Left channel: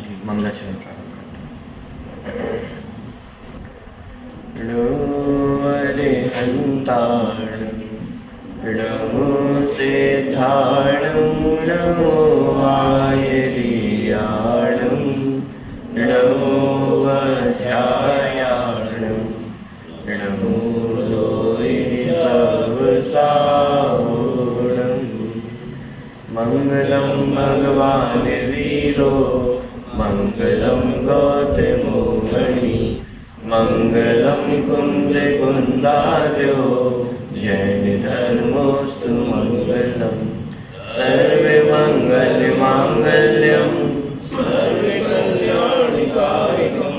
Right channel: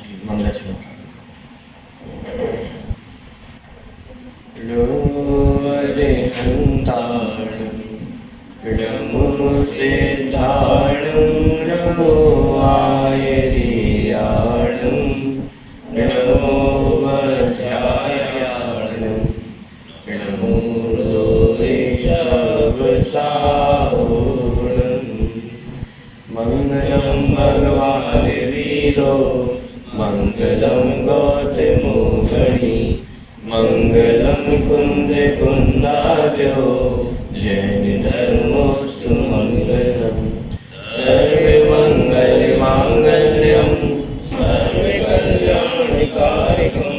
चलिए मंगलाचरण प्रारंभ करते हैं। नमो सिद्धाणं नमो आयर्याणं नमो वज्रायाणं नमो लोहितवसावणं मंगलं भगवान् वीरो मंगलं गौतमो मणि मंगलं कुन्द्रकुन्दार्यो जैन धर्मोऽस्तु मंगलम् सर्वमङ्गलमाङ्गल्यं सर्वकल्याणकारिकं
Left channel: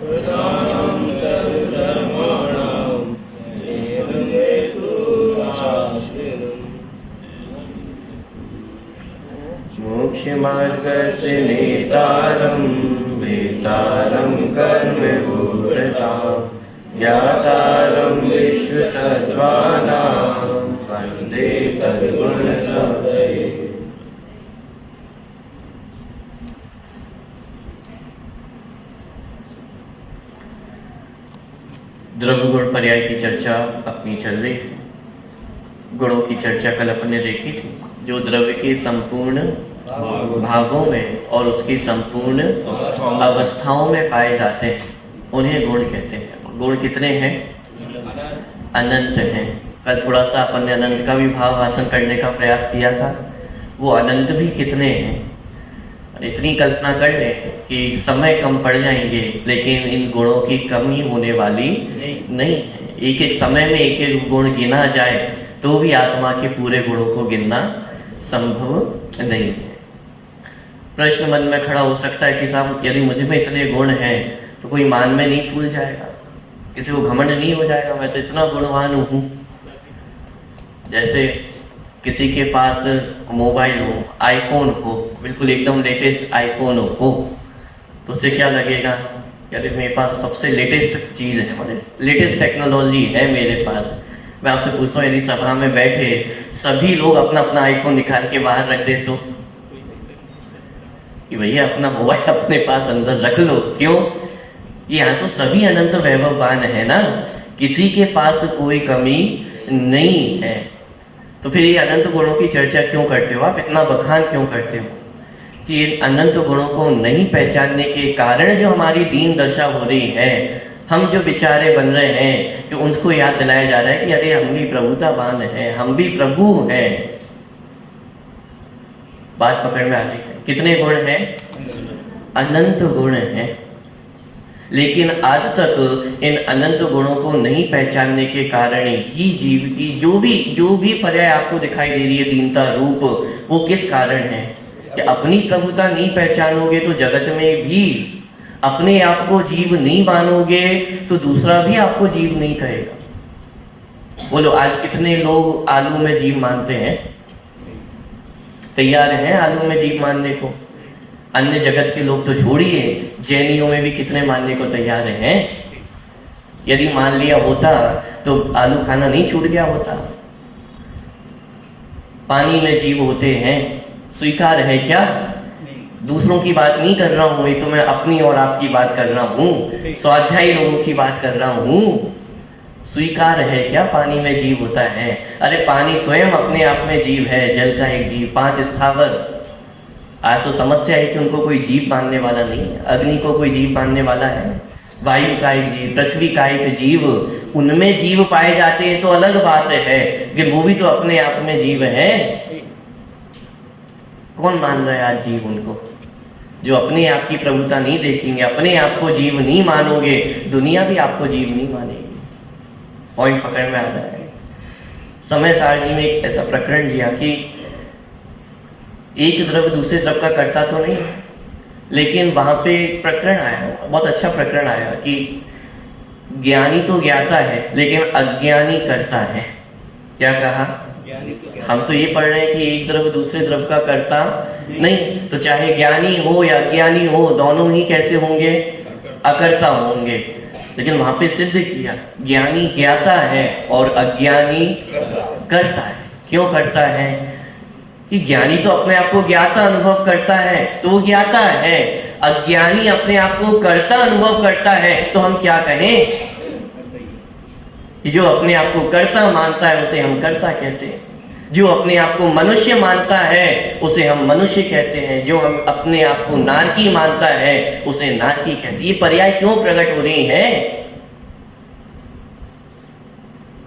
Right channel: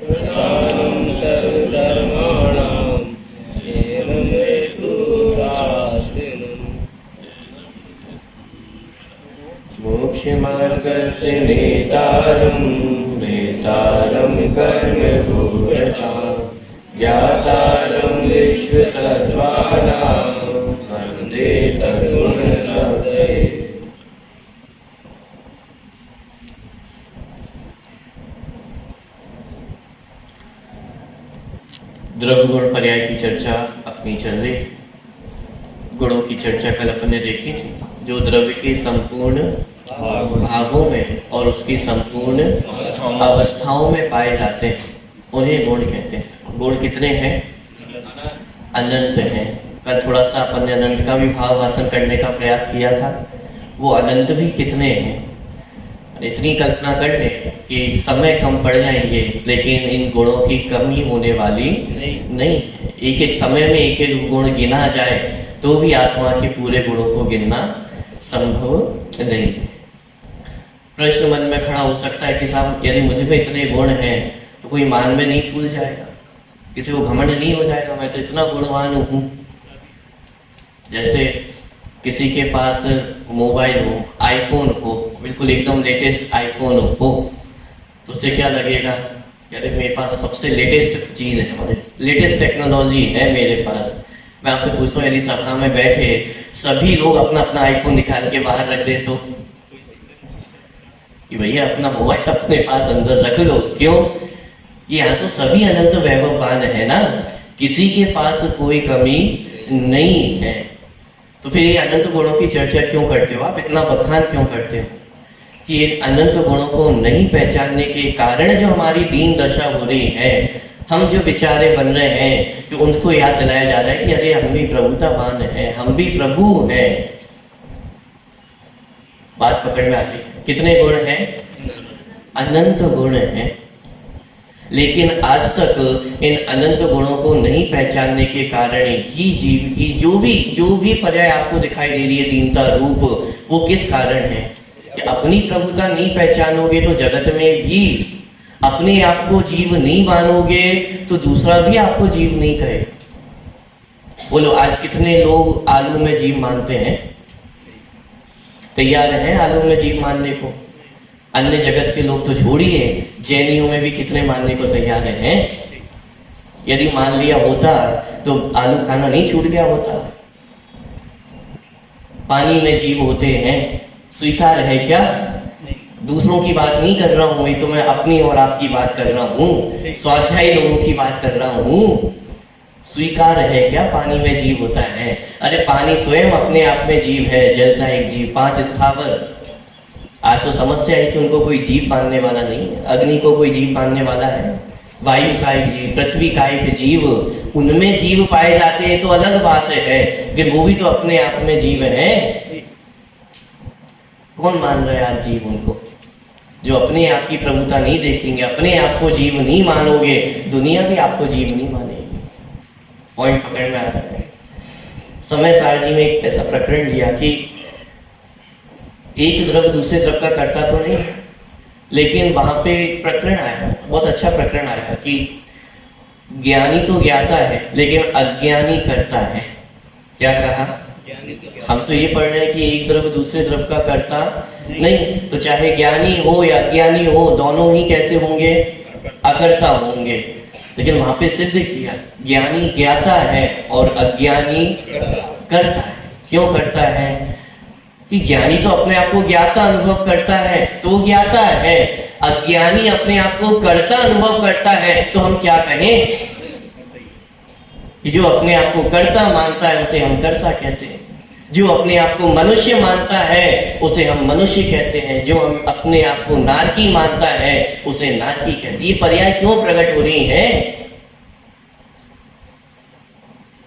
प्रदानं सर्वधर्माणां एवमेतु शास्त्रम् मोक्षमार्गस्य नेतारं वेतारं कर्मभूरतां ज्ञातारं विश्वतत्त्वानां वन्दे तद्गुणकवये। द्रव्य गुण पर्याय की चर्चा अपनी चल रही। गुणों की चर्चा कल अपन ने देखी थी। जो द्रव्य के संपूर्ण भागों में और उसकी संपूर्ण अवस्थाओं में पाए जाते हैं उन्हें गुण कहते हैं। गुण कितने हैं? अनंत हैं। कल थोड़ा सा अपन ने अनंत का भी भाव हासिल करने का प्रयास किया था। वो अनंत भी कितने हैं? इतनी कल्पना कर ले कि समय कम पड़ जाएंगे लेकिन इन गुणों की कमी होने वाली नहीं है। एक एक समय में एक एक गुण गिना जाए तो भी आत्मा के पूरे गुणों को गिनना संभव नहीं है। प्रश्न मन में खड़ा हो सकता है कि साहब यदि मुझ में इतने गुण हैं तो कोई मान में नहीं फूल जाएगा, किसी को घमंड नहीं हो जाएगा, मैं तो इतना गुणवान हूं। जैसे किसी के पास मोबाइल हो, आईफोन हो, बिल्कुल एकदम लेटेस्ट आईफोन हो तो उससे क्या लगेगा? अरे मेरे पास सबसे लेटेस्ट चीज है, मतलब लेटेस्ट टेक्नोलॉजी है मेरे पास। मैं आपसे पूछता हूँ यदि सभा में बैठे सभी लोग अपना अपना आईफोन निकाल के बाहर रख दे तो कि भैया अपना मोबाइल अपने पास अंदर रख लो। क्यों? यहाँ तो सभी अनंत वैभववान है ना, किसी के पास कोई कमी नहीं है। तो फिर ये अनंत गुणों की चर्चा क्यों करते हो आप? इतना बखान क्यों करते हो कि इन अनंत गुणों को नहीं पहचानने के कारण जो हमारी दीन दशा हो रही है, हम जो बेचारे बन रहे हैं कि उनको याद दिलाया जा रहा है कि अरे हम भी प्रभुतावान हैं, हम भी प्रभु हैं। बात पकड़ में आती है। कितने गुण हैं? अनंत गुण हैं। लेकिन आज तक इन अनंत गुणों को नहीं पहचानने के कारण ही जीव की जो भी पर्याय आपको दिखाई दे रही है दीनता रूप, वो किस कारण है? कि अपनी प्रभुता नहीं पहचानोगे तो जगत में भी अपने आप को जीव नहीं मानोगे तो दूसरा भी आपको जीव नहीं कहेगा। बोलो आज कितने लोग आलू में जीव मानते हैं? तैयार हैं आलू में जीव मानने को? अन्य जगत के लोग तो छोड़िए, जैनियों में भी कितने मानने को तैयार हैं। यदि मान लिया होता तो आलू खाना नहीं छूट गया होता। पानी में जीव होते हैं, स्वीकार है क्या? दूसरों की बात नहीं कर रहा हूं, तो मैं अपनी और आपकी बात कर रहा हूं, स्वाध्यायी लोगों की बात कर रहा हूं। स्वीकार है क्या पानी में जीव होता है? अरे पानी स्वयं अपने आप में जीव है, जल का एक जीव, 5 स्थावर। आज तो समस्या है कि उनको कोई जीव मानने वाला नहीं है। अग्नि को कोई जीव मानने वाला है? वायु का एक जीव, पृथ्वी का एक जीव, उनमें जीव पाए जाते हैं तो अलग बात है, लेकिन वो भी तो अपने आप में जीव है। कौन मान रहा है आज जीव उनको? जो अपने आप की प्रभुता नहीं देखेंगे, अपने आप को जीव नहीं मानोगे, दुनिया भी आपको जीव नहीं मानेगी। पॉइंट पकड़ में आ रहा है। समय सारणी में एक ऐसा प्रकरण लिया कि एक द्रव्य दूसरे द्रव्य का करता तो नहीं, लेकिन वहां पे प्रकरण आया, बहुत अच्छा प्रकरण आया कि ज्ञानी तो ज्ञाता है लेकिन अज्ञानी करता है। क्या कहा? हम तो ये पढ़ रहे हैं कि एक द्रव्य दूसरे द्रव्य का करता नहीं, तो चाहे ज्ञानी हो या अज्ञानी हो दोनों ही कैसे होंगे? अकर्ता होंगे। लेकिन वहां पे सिद्ध किया ज्ञानी ज्ञाता है और अज्ञानी करता है। क्यों करता है? कि ज्ञानी तो अपने आप को ज्ञाता अनुभव करता है तो ज्ञाता है, अज्ञानी अपने आप को कर्ता अनुभव करता है तो हम क्या कहें? जो अपने आप को कर्ता मानता है उसे हम कर्ता कहते हैं, जो अपने आप को मनुष्य मानता है उसे हम मनुष्य कहते हैं, जो हम अपने आप को नारकी मानता है उसे नारकी कहते हैं। ये पर्याय क्यों प्रकट हो रही है?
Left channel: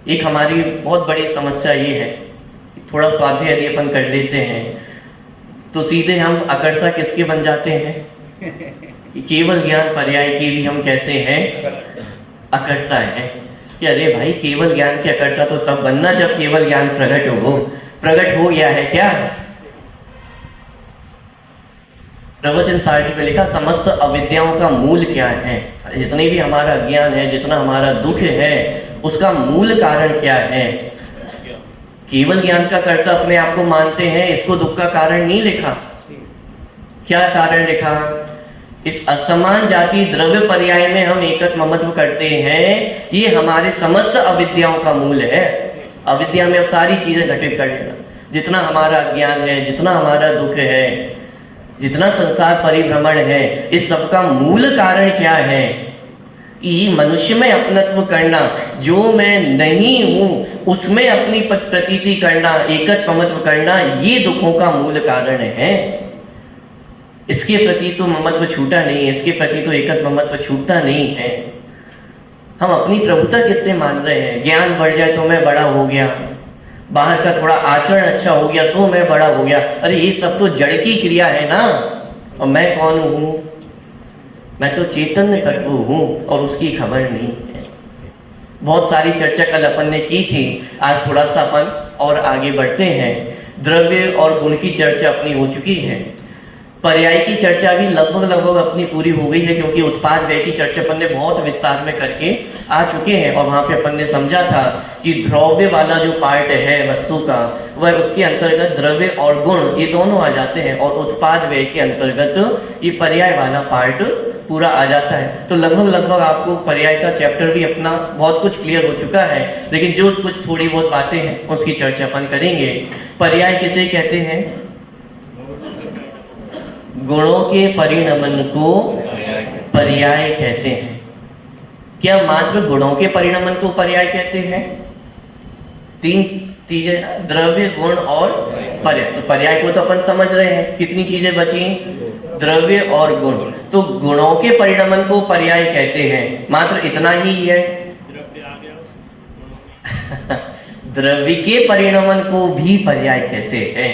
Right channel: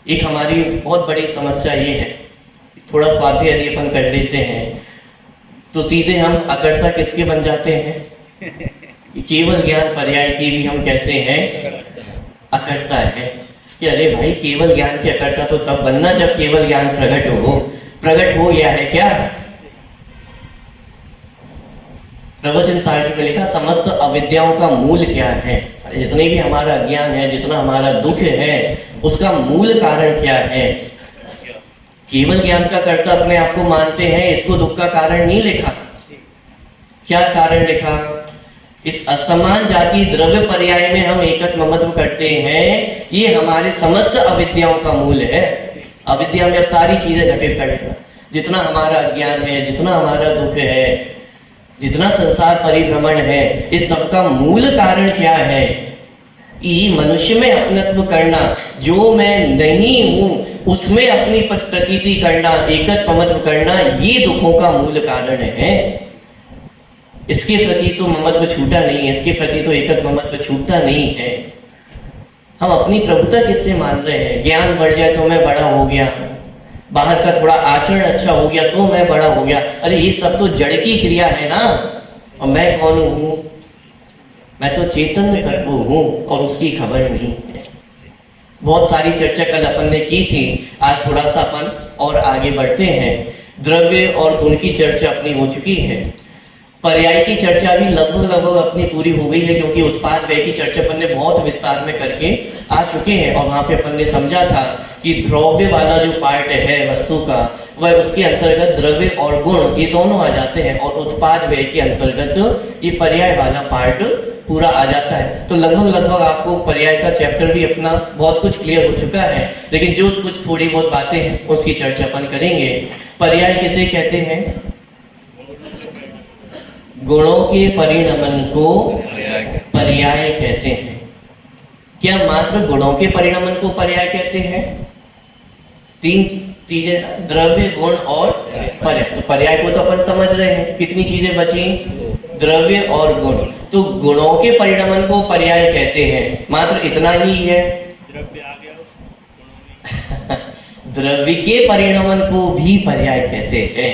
एक हमारी बहुत बड़ी समस्या ये है, थोड़ा स्वाध्याय यदि अपन कर लेते हैं तो सीधे हम अकर्ता किसके बन जाते हैं? केवल ज्ञान पर्याय की भी हम कैसे हैं? अकर्ता है। कि अरे भाई, केवल ज्ञान के अकर्ता तो तब बनना जब केवल ज्ञान प्रकट हो गया है क्या? प्रवचन साहित्य में लिखा समस्त अविद्याओं का मूल क्या है? जितने भी हमारा अज्ञान है, जितना हमारा दुख है, उसका मूल कारण क्या है? केवल ज्ञान का कर्ता अपने आप को मानते हैं, इसको दुख का कारण नहीं लिखा। क्या कारण लिखा? इस असमान जाति द्रव्य पर्याय में हम एकत्व ममत्व करते हैं, ये हमारे समस्त अविद्याओं का मूल है। अविद्या में अब सारी चीजें घटित कर लेना, जितना हमारा अज्ञान है, जितना हमारा दुख है, जितना संसार परिभ्रमण है, इस सब का मूल कारण क्या है? ये मनुष्य में अपनत्व करना, जो मैं नहीं हूं उसमें अपनी प्रतीति करना, एकत्व ममत्व करना, ये दुखों का मूल कारण है। इसके प्रति तो ममत्व छूटा नहीं है, इसके प्रति तो एकत्व ममत्व छूटता नहीं है। हम अपनी प्रभुता किससे मान रहे हैं? ज्ञान बढ़ जाए तो मैं बड़ा हो गया, बाहर का थोड़ा आचरण अच्छा हो गया तो मैं बड़ा हो गया। अरे ये सब तो जड़ की क्रिया है ना। और मैं कौन हूं? मैं तो चैतन्य तत्व हूं और उसकी खबर नहीं है। बहुत सारी चर्चा कल अपन ने की थी, आज थोड़ा सा अपन और आगे बढ़ते हैं। द्रव्य और गुण की चर्चा अपनी हो चुकी है, पर्याय की चर्चा भी लगभग अपनी पूरी हो गई है, क्योंकि उत्पाद व्यय की चर्चा अपन ने बहुत विस्तार में करके आ चुके हैं। और वहां पे अपन ने समझा था कि द्रव्य वाला जो पार्ट है वस्तु का, वह उसके अंतर्गत द्रव्य और गुण ये दोनों आ जाते हैं, और उत्पाद व्यय के अंतर्गत ये पर्याय वाला पार्ट पूरा आ जाता है। तो लगभग आपको पर्याय का चैप्टर भी अपना बहुत कुछ क्लियर हो चुका है, लेकिन जो कुछ थोड़ी बहुत बातें हैं उसकी चर्चा अपन करेंगे। पर्याय किसे कहते हैं? गुणों के परिणमन को पर्याय कहते हैं। क्या मात्र गुणों के परिणमन को पर्याय कहते हैं? तीन चीजें, द्रव्य, गुण और पर्याय। तो पर्याय को तो अपन समझ रहे हैं, कितनी चीजें बची? द्रव्य और गुण। तो गुणों के परिणमन को पर्याय कहते हैं, मात्र इतना ही है। द्रव्य के परिणमन को भी पर्याय कहते हैं।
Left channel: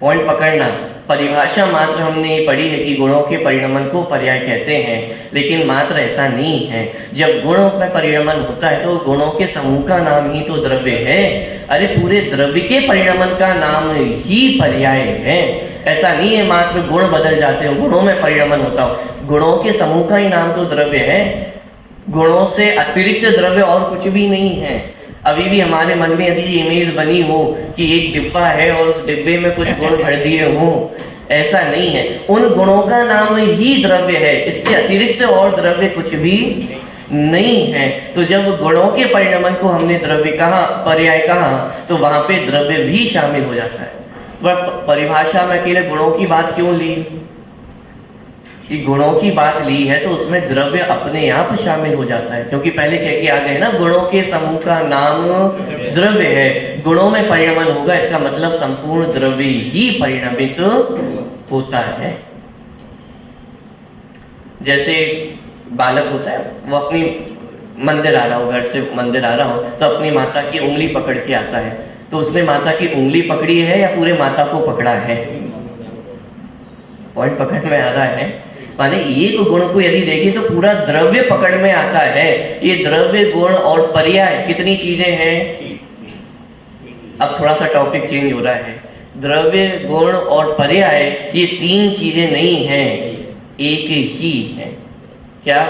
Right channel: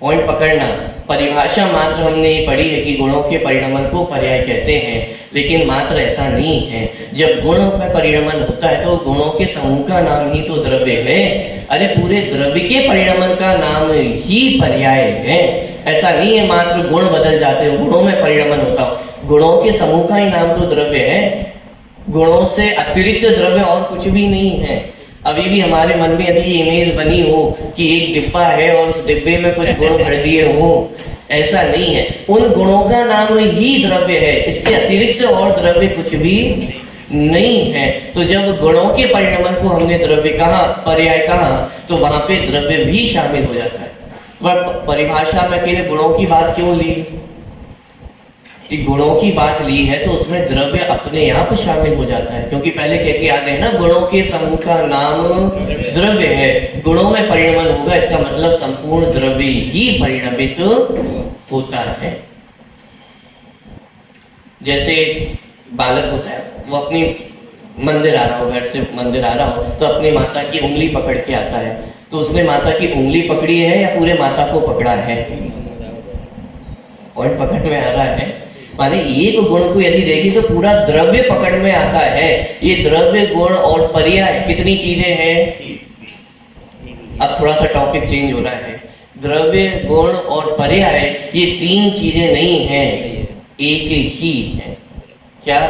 पॉइंट पकड़ना, परिभाषा मात्र हमने पढ़ी है कि गुणों के परिणमन को पर्याय कहते हैं, लेकिन मात्र ऐसा नहीं है। जब गुणों का परिणमन होता है तो गुणों के समूह का नाम ही तो द्रव्य है। अरे पूरे द्रव्य के परिणमन का नाम ही पर्याय है। ऐसा नहीं है मात्र गुण बदल जाते हो, गुणों में परिणमन होता हो। गुणों के समूह का ही नाम तो द्रव्य है। गुणों से अतिरिक्त द्रव्य और कुछ भी नहीं है। अभी भी हमारे मन में यदि इमेज बनी हो कि एक डिब्बा है और उस डिब्बे में कुछ गुण भर दिए हो, ऐसा नहीं है। उन गुणों का नाम ही द्रव्य है, इससे अतिरिक्त और द्रव्य कुछ भी नहीं है। तो जब गुणों के परिणमन को हमने द्रव्य कहा, पर्याय कहा, तो वहां पे द्रव्य भी शामिल हो जाता है। वह परिभाषा में अकेले गुणों की बात क्यों ली? कि गुणों की बात ली है तो उसमें द्रव्य अपने आप शामिल हो जाता है, क्योंकि पहले कह के आ गए ना, गुणों के समूह का नाम द्रव्य है। गुणों में परिणमन होगा, इसका मतलब संपूर्ण द्रव्य ही परिणमित होता है। जैसे बालक होता है, वो अपनी मंदिर आ रहा हो, घर से मंदिर आ रहा हो, तो अपनी माता की उंगली पकड़ के आता है। तो उसने माता की उंगली पकड़ी है या पूरे माता को पकड़ा है? पॉइंट पकड़ में आ रहा है। माने एक गुण को यदि देखें तो पूरा द्रव्य पकड़ में आता है। ये द्रव्य, गुण और पर्याय कितनी चीजें हैं? अब थोड़ा सा टॉपिक चेंज हो रहा है। द्रव्य, गुण और पर्याय ये तीन चीजें नहीं हैं, एक ही है। क्या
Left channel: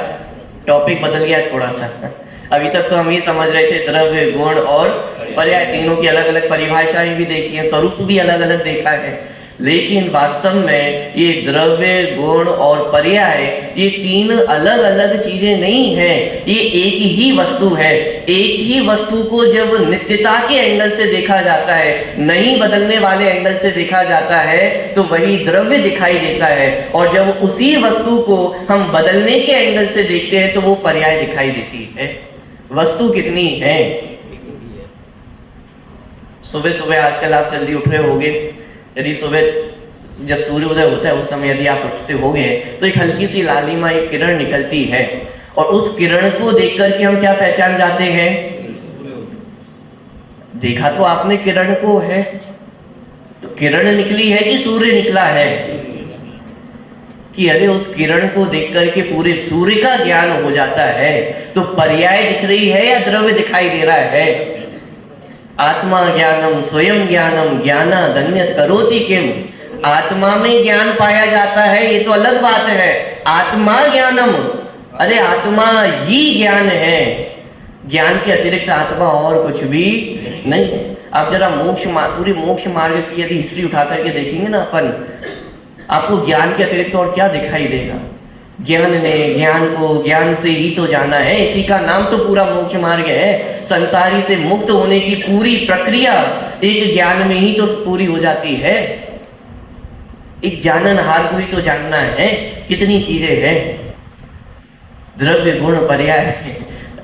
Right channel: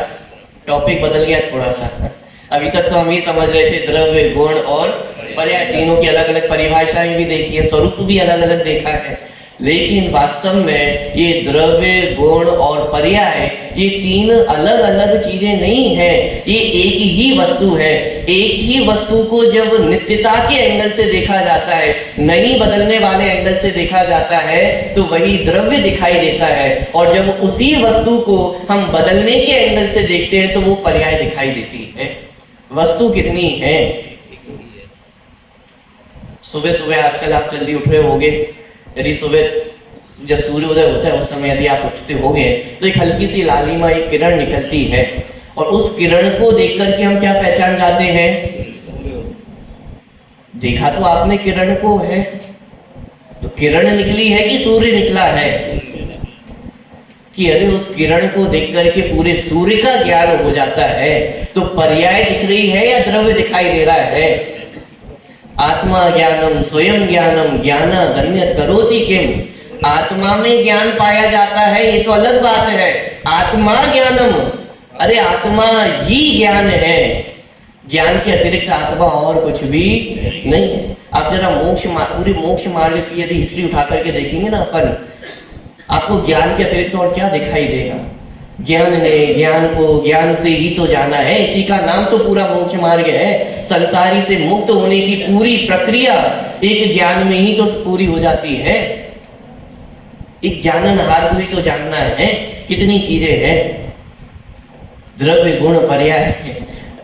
टॉपिक बदल गया थोड़ा सा? अभी तक तो हम ही समझ रहे थे द्रव्य, गुण और पर्याय, तीनों की अलग अलग परिभाषाएं भी देखी है, स्वरूप भी अलग अलग देखा है। लेकिन वास्तव में ये द्रव्य, गुण और पर्याय ये तीन अलग अलग चीजें नहीं है, ये एक ही वस्तु है। एक ही वस्तु को जब नित्यता के एंगल से देखा जाता है, नहीं बदलने वाले एंगल से देखा जाता है, तो वही द्रव्य दिखाई देता है। और जब उसी वस्तु को हम बदलने के एंगल से देखते हैं तो वो पर्याय दिखाई देती है। वस्तु कितनी है? सुबह सुबह आजकल आप जल्दी उठ रहे होगे, यदि सुबह जब सूर्योदय होता है उस समय यदि आप उठते होगे तो एक हल्की सी लालिमा एक किरण निकलती है, और उस किरण को देख करके हम क्या पहचान जाते हैं? देखा तो आपने किरण को है, तो किरण निकली है कि सूर्य निकला है? कि अरे उस किरण को देख करके पूरे सूर्य का ज्ञान हो जाता है। तो पर्याय दिख रही है या द्रव्य दिखाई दे रहा है? आत्मा ज्ञानम स्वयं ज्ञानम ज्ञानादन्यत् करोति किम। आत्मा में ज्ञान पाया जाता है, ये तो अलग बात है। आत्मा ज्ञानम, अरे आत्मा ही ज्ञान है, ज्ञान के अतिरिक्त आत्मा और कुछ भी नहीं है। आप जरा पूरी मोक्ष मार्ग की यदि हिस्ट्री उठा करके देखेंगे ना अपन, आपको ज्ञान के अतिरिक्त और क्या दिखाई देगा? ज्ञान ने ज्ञान को ज्ञान से ही तो जाना है, इसी का नाम तो पूरा मोक्ष मार्ग है। संसारी से मुक्त होने की पूरी प्रक्रिया एक ज्ञान में ही तो पूरी हो जाती है। एक जाननहार को ही तो जानना है। कितनी चीजें हैं, द्रव्य गुण पर्याय,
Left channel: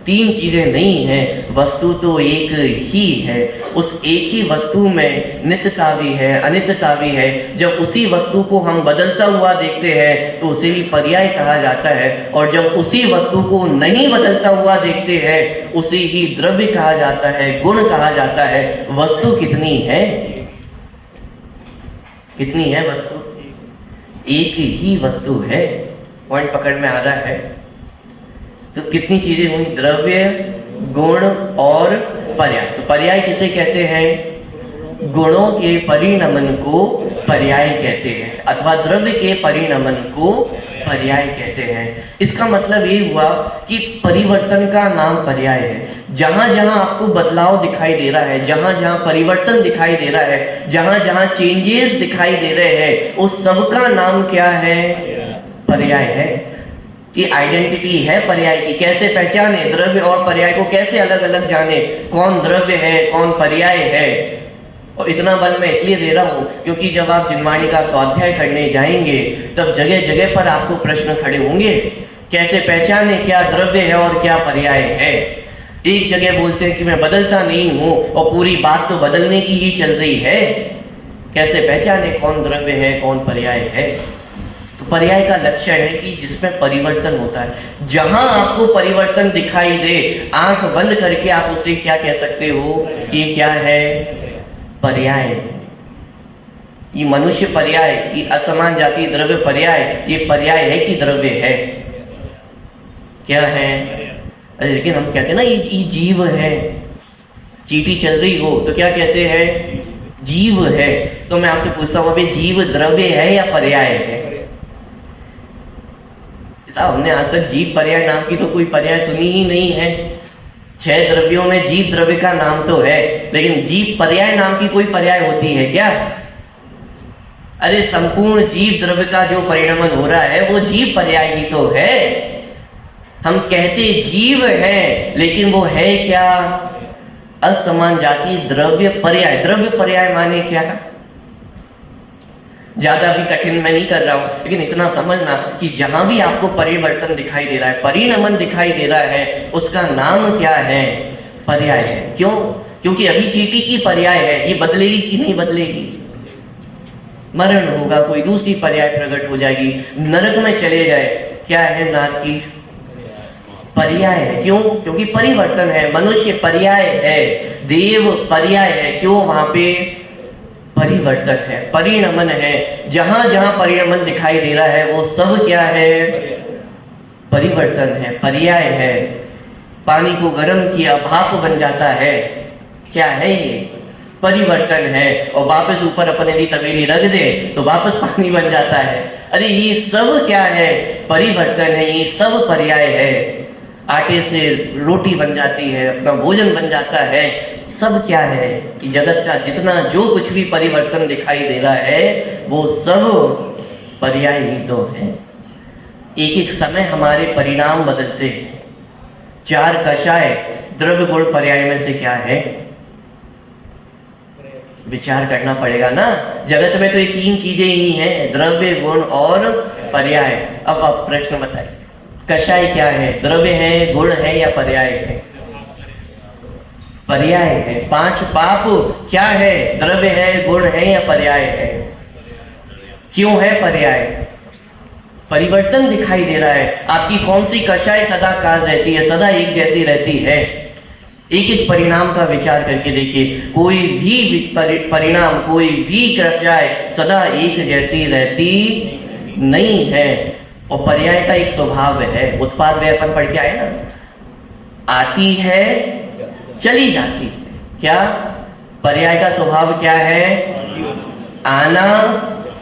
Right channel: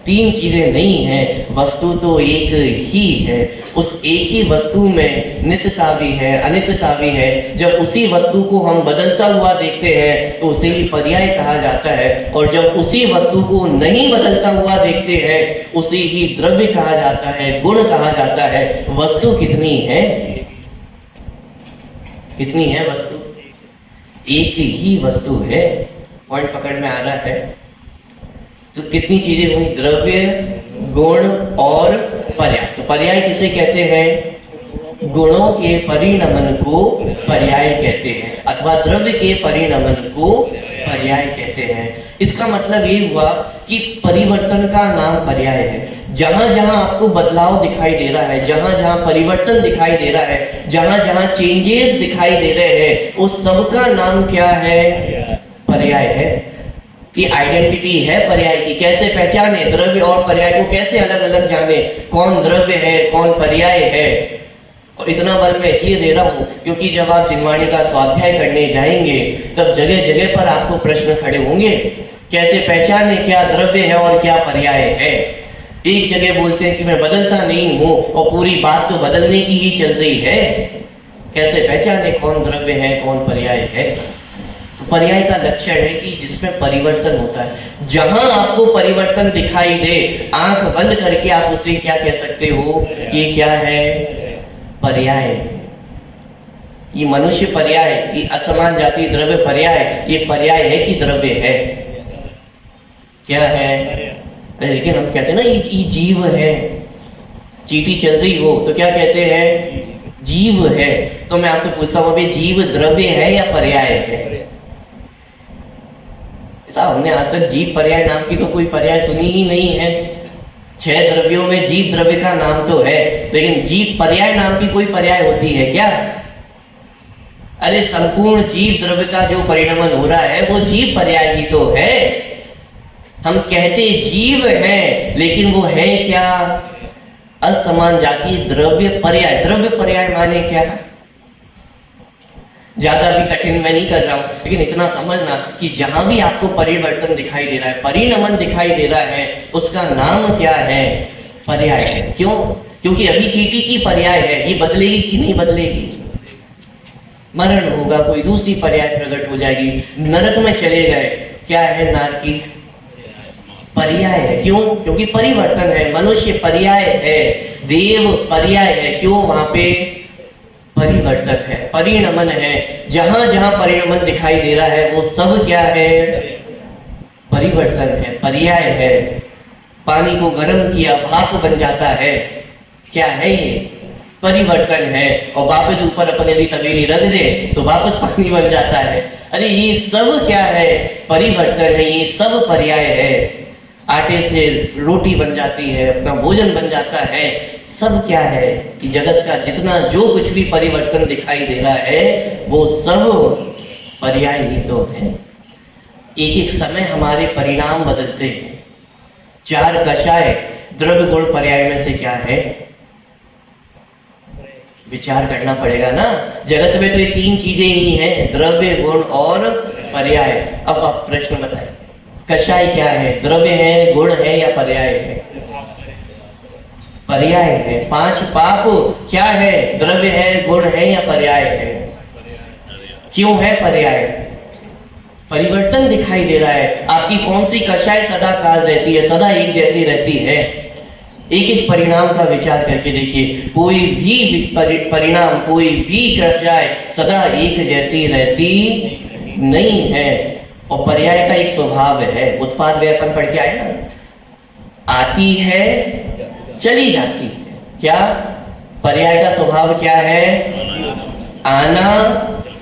तीन चीजें नहीं है, वस्तु तो एक ही है। उस एक ही वस्तु में नित्यता भी है, अनित्यता भी है। जब उसी वस्तु को हम बदलता हुआ देखते हैं तो उसे ही पर्याय कहा जाता है, और जब उसी वस्तु को नहीं बदलता हुआ देखते हैं उसे ही द्रव्य कहा जाता है, गुण कहा जाता है। वस्तु कितनी है? कितनी है वस्तु? एक ही वस्तु है। पॉइंट पकड़ में आ रहा है? तो कितनी चीजें हुई? द्रव्य, गुण और पर्याय। तो पर्याय किसे कहते हैं? गुणों के परिणमन को पर्याय कहते हैं, अथवा द्रव्य के परिणमन को पर्याय कहते हैं। इसका मतलब ये हुआ कि परिवर्तन का नाम पर्याय है। जहां जहां आपको बदलाव दिखाई दे रहा है, जहां जहां परिवर्तन दिखाई दे रहा है, जहां जहां चेंजेस दिखाई दे रहे हैं, उस सब का नाम क्या है? पर्याय है। कि आइडेंटिटी है पर्याय की। कैसे पहचाने द्रव्य और पर्याय को? कैसे अलग अलग जाने कौन द्रव्य है कौन पर्याय है? और इतना बल मैं इसलिए दे रहा हूं क्योंकि जब आप जिनवाणी का स्वाध्याय करने जाएंगे तब जगह जगह पर आपको प्रश्न खड़े होंगे। कैसे पहचाने क्या द्रव्य है और क्या पर्याय है? एक जगह बोलते हैं कि मैं बदलता नहीं हूं और पूरी बात तो बदलने की ही चल रही है। कैसे पहचाने कौन द्रव्य है कौन पर्याय है? पर्याय का लक्षण है कि जिसमें परिवर्तन होता है। जहां आपको परिवर्तन दिखाई दे, आंख बंद करके आप उसे क्या कह सकते हो? ये क्या है? पर्याय। ये मनुष्य पर्याय, ये असमान जाति द्रव्य पर्याय, ये पर्याय है कि द्रव्य है? क्या है? लेकिन हम कहते हैं ना ये जीव है। चींटी चल रही हो तो क्या कहते हैं? जीव है। तो मैं आपसे पूछता हूं अभी जीव द्रव्य है या पर्याय है? साहब हमने आज तक जीव पर्याय नाम की तो कोई पर्याय सुनी ही नहीं है। 6 द्रव्यों में जीव द्रव्य का नाम तो है, लेकिन जीव पर्याय नाम की कोई पर्याय होती है क्या? अरे संपूर्ण जीव द्रव्य का जो परिणमन हो रहा है वो जीव पर्याय ही तो है। हम कहते जीव है लेकिन वो है क्या? असमान जाति द्रव्य पर्याय। द्रव्य पर्याय माने क्या? ज्यादा भी कठिन मैं नहीं कर रहा हूं, लेकिन इतना समझना कि जहां भी आपको परिवर्तन दिखाई दे रहा है, परिणमन दिखाई दे रहा है, उसका नाम क्या है? पर्याय है। क्यों? क्योंकि अभी चींटी की पर्याय है, ये बदलेगी कि नहीं बदलेगी? मरण होगा, कोई दूसरी पर्याय प्रकट हो जाएगी। नरक में चले गए, क्या है? नारकी पर्याय है। क्यों? क्योंकि परिवर्तन है। मनुष्य पर्याय है, देव पर्याय है। क्यों? वहां पे परिवर्तक है, परिणमन है। जहां जहां परिणमन दिखाई दे रहा है वो सब क्या है? परिवर्तन है, पर्याय है। पानी को गर्म किया, भाप बन जाता है, क्या है ये? परिवर्तन है। और वापस ऊपर अपने लिए तवेली रख दे तो वापस पानी बन जाता है। अरे ये सब क्या है? परिवर्तन है, ये सब पर्याय है। आटे से रोटी बन जाती है, अपना भोजन बन जाता है, सब क्या है कि जगत का जितना जो कुछ भी परिवर्तन दिखाई दे रहा है वो सब पर्याय ही तो है। एक एक समय हमारे परिणाम बदलते हैं। 4 कषाय द्रव्य गुण पर्याय में से क्या है? विचार करना पड़ेगा ना। जगत में तो ये 3 चीजें ही हैं, द्रव्य गुण और पर्याय। अब आप प्रश्न बताइए, कषाय क्या है? द्रव्य है, गुण है या पर्याय है? पर्याय है। 5 पाप क्या है? द्रव्य है, गुण है या पर्याय है? क्यों है पर्याय? परिवर्तन दिखाई दे रहा है। आपकी कौन सी कषाय सदा काल रहती है, सदा एक जैसी रहती है? एक एक परिणाम का विचार करके देखिए, कोई भी परिणाम, कोई भी कषाय सदा एक जैसी रहती नहीं है। और पर्याय का एक स्वभाव है, उत्पाद व्यय अपन पढ़ के आए ना, आती है चली जाती है। क्या पर्याय का स्वभाव क्या है? आना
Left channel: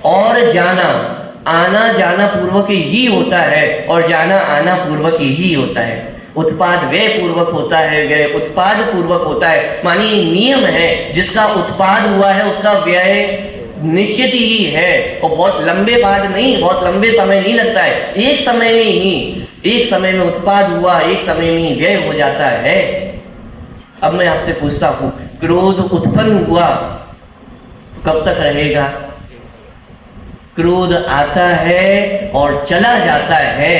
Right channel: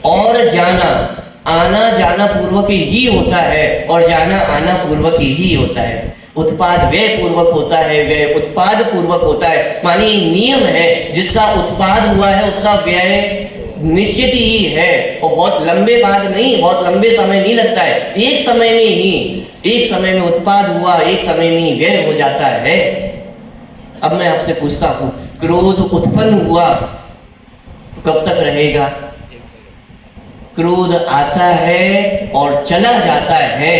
और जाना। आना जाना पूर्वक ही होता है और जाना आना पूर्वक ही होता है। उत्पाद व्यय पूर्वक होता है, व्यय उत्पाद पूर्वक होता है। मानिए नियम है, जिसका उत्पाद हुआ है उसका व्यय निश्चित ही है। और बहुत लंबे बाद नहीं, बहुत लंबे समय नहीं लगता है। एक समय में ही, एक समय में उत्पाद हुआ, एक समय में ही व्यय हो जाता है। अब मैं आपसे पूछता हूं, क्रोध उत्पन्न हुआ कब तक रहेगा? क्रोध आता है और चला जाता है।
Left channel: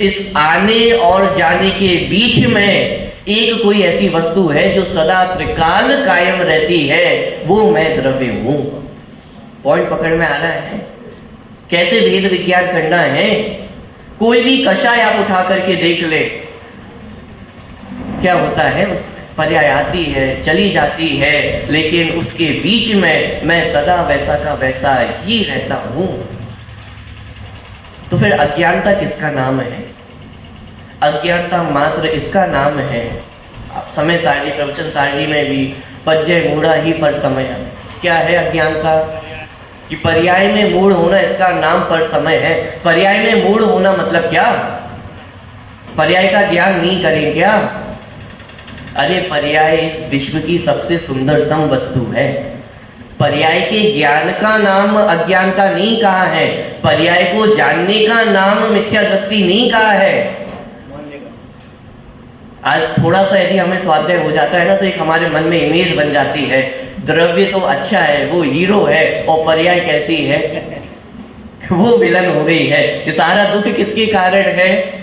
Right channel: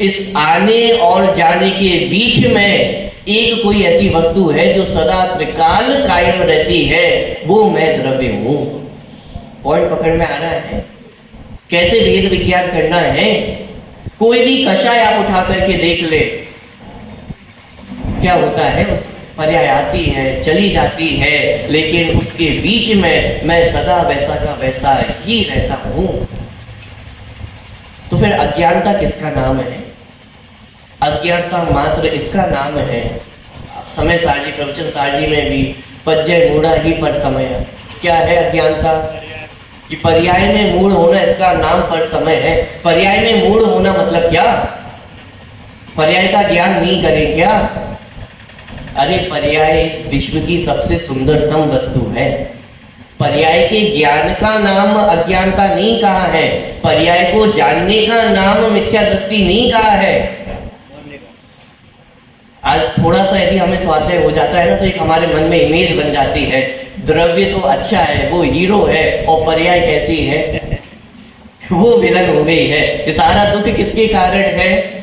इस आने और जाने के बीच में एक कोई ऐसी वस्तु है जो सदा त्रिकाल कायम रहती है, वो मैं द्रव्य हूं। पॉइंट पकड़ में आ रहा है? कैसे वेद विज्ञान करना है? कोई भी कषाय आप उठा करके देख ले, क्या होता है? उस पर्याय आती है, चली जाती है, लेकिन उसके बीच में मैं सदा वैसा का वैसा ही रहता हूं। तो फिर अज्ञानता किसका नाम है? अज्ञानता मात्र इसका नाम है। समय सारणी, प्रवचन सारणी में भी पज्जय मूढ़ा ही पर समय। क्या है अज्ञानता? कि पर्याय में मूढ़ होना, इसका नाम पर समय है। पर्याय में मूढ़ होना मतलब क्या? पर्याय का ज्ञान नहीं करें क्या? अरे पर्याय इस विश्व की सबसे सुंदरतम वस्तु है। पर्याय के ज्ञान का नाम अज्ञानता नहीं कहा है, पर्याय को जानने का नाम मिथ्या दृष्टि नहीं कहा है। आज थोड़ा सा यदि हमें स्वाध्याय हो जाता है ना, तो एक हमारे मन में इमेज बन जाती है, द्रव्य तो अच्छा है, वो हीरो है, और पर्याय कैसी है? वो विलन हो गई है। ये सारा दुख किसके कारण है?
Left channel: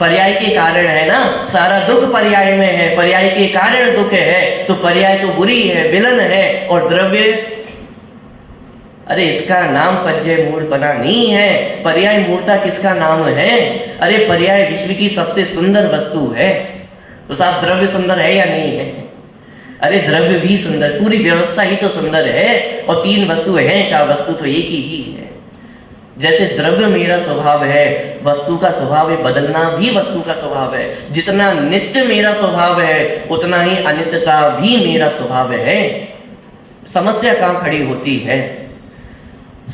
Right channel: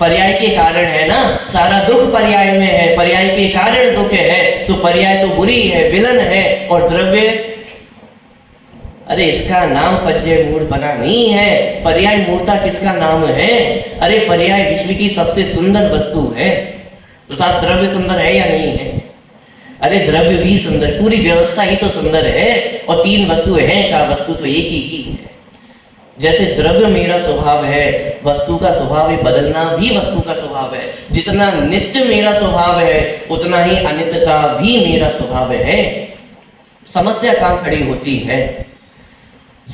पर्याय के कारण है ना। सारा दुख पर्याय में है, पर्याय के कारण दुख है। तो पर्याय तो बुरी है, विलन है, और द्रव्य, अरे इसका नाम पज्जय मूढ़ बना नहीं है। पर्याय मूर्ता किसका नाम है? अरे पर्याय विश्व की सबसे सुंदर वस्तु है। तो साहब द्रव्य सुंदर है या नहीं है? अरे द्रव्य भी सुंदर, पूरी व्यवस्था ही तो सुंदर है। और 3 वस्तु है का वस्तु तो एक ही है। जैसे द्रव्य मेरा स्वभाव है, वस्तु का स्वभाव है बदलना भी वस्तु का स्वभाव है। जितना नित्य मेरा स्वभाव है, उतना ही अनित्यता भी मेरा स्वभाव है। समस्या कहां खड़ी होती है?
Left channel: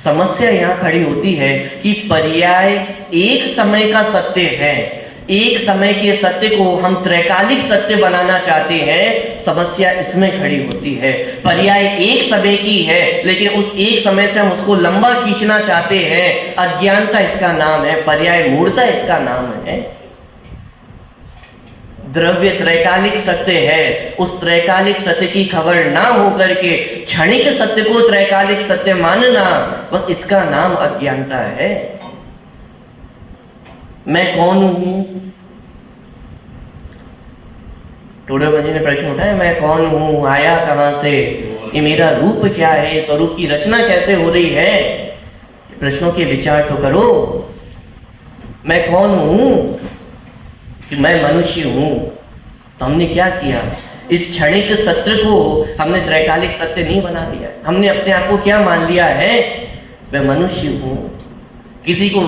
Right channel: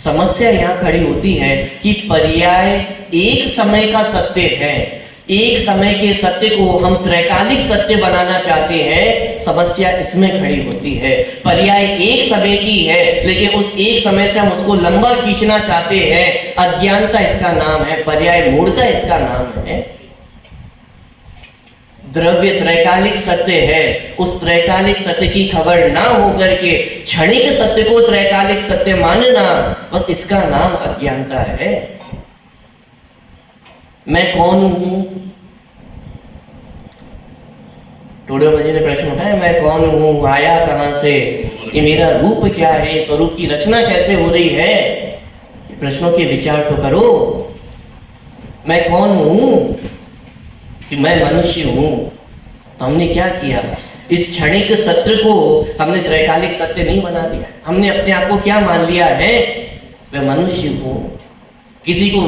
समस्या यहां खड़ी होती है कि पर्याय एक समय का सत्य है। एक समय के सत्य को हम त्रैकालिक सत्य बनाना चाहते हैं। समस्या इसमें खड़ी होती है। पर्याय एक समय की है, लेकिन उस एक समय से हम उसको लंबा खींचना चाहते हैं। अज्ञानता इसका नाम है, पर्याय मूढ़ता इसका नाम है। द्रव्य त्रैकालिक सत्य है, उस त्रैकालिक सत्य की खबर ना होकर के क्षणिक सत्य को त्रैकालिक सत्य मानना, बस इसका नाम अज्ञानता है। मैं कौन हूं? टोडर जी ने प्रश्न उठाया, मैं कौन हूं, आया कहां से, ये मेरा रूप क्या है, स्वरूप की रचना कैसे हो रही है? प्रश्नों के विचार तो करो। मैं कौन हूं? कि मैं मनुष्य हूं। तो हमने क्या किया? इस क्षणिक सत्य को हमने त्रैकालिक सत्य नहीं बना दिया। हमने अपने आप को क्या मान लिया है? मैं मनुष्य हूं। किसी को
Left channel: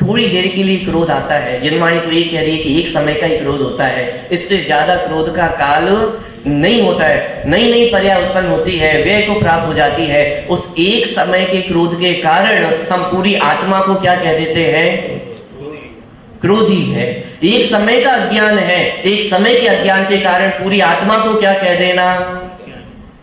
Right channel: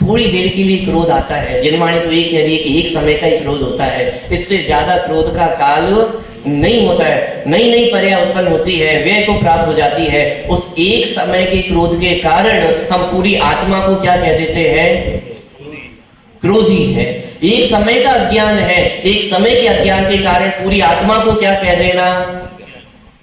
थोड़ी देर के लिए क्रोध आता है, जनवाणी तो ये कह रही है कि एक समय का ही क्रोध होता है, इससे ज्यादा क्रोध का काल नहीं होता है। नई नई पर्याय उत्पन्न होती है, व्यय को प्राप्त हो जाती है। उस एक समय के क्रोध के कारण हम पूरी आत्मा को क्या कह देते हैं? क्रोधी है। एक समय का अज्ञान है, एक समय के अज्ञान के कारण पूरी आत्मा को क्या कह देना,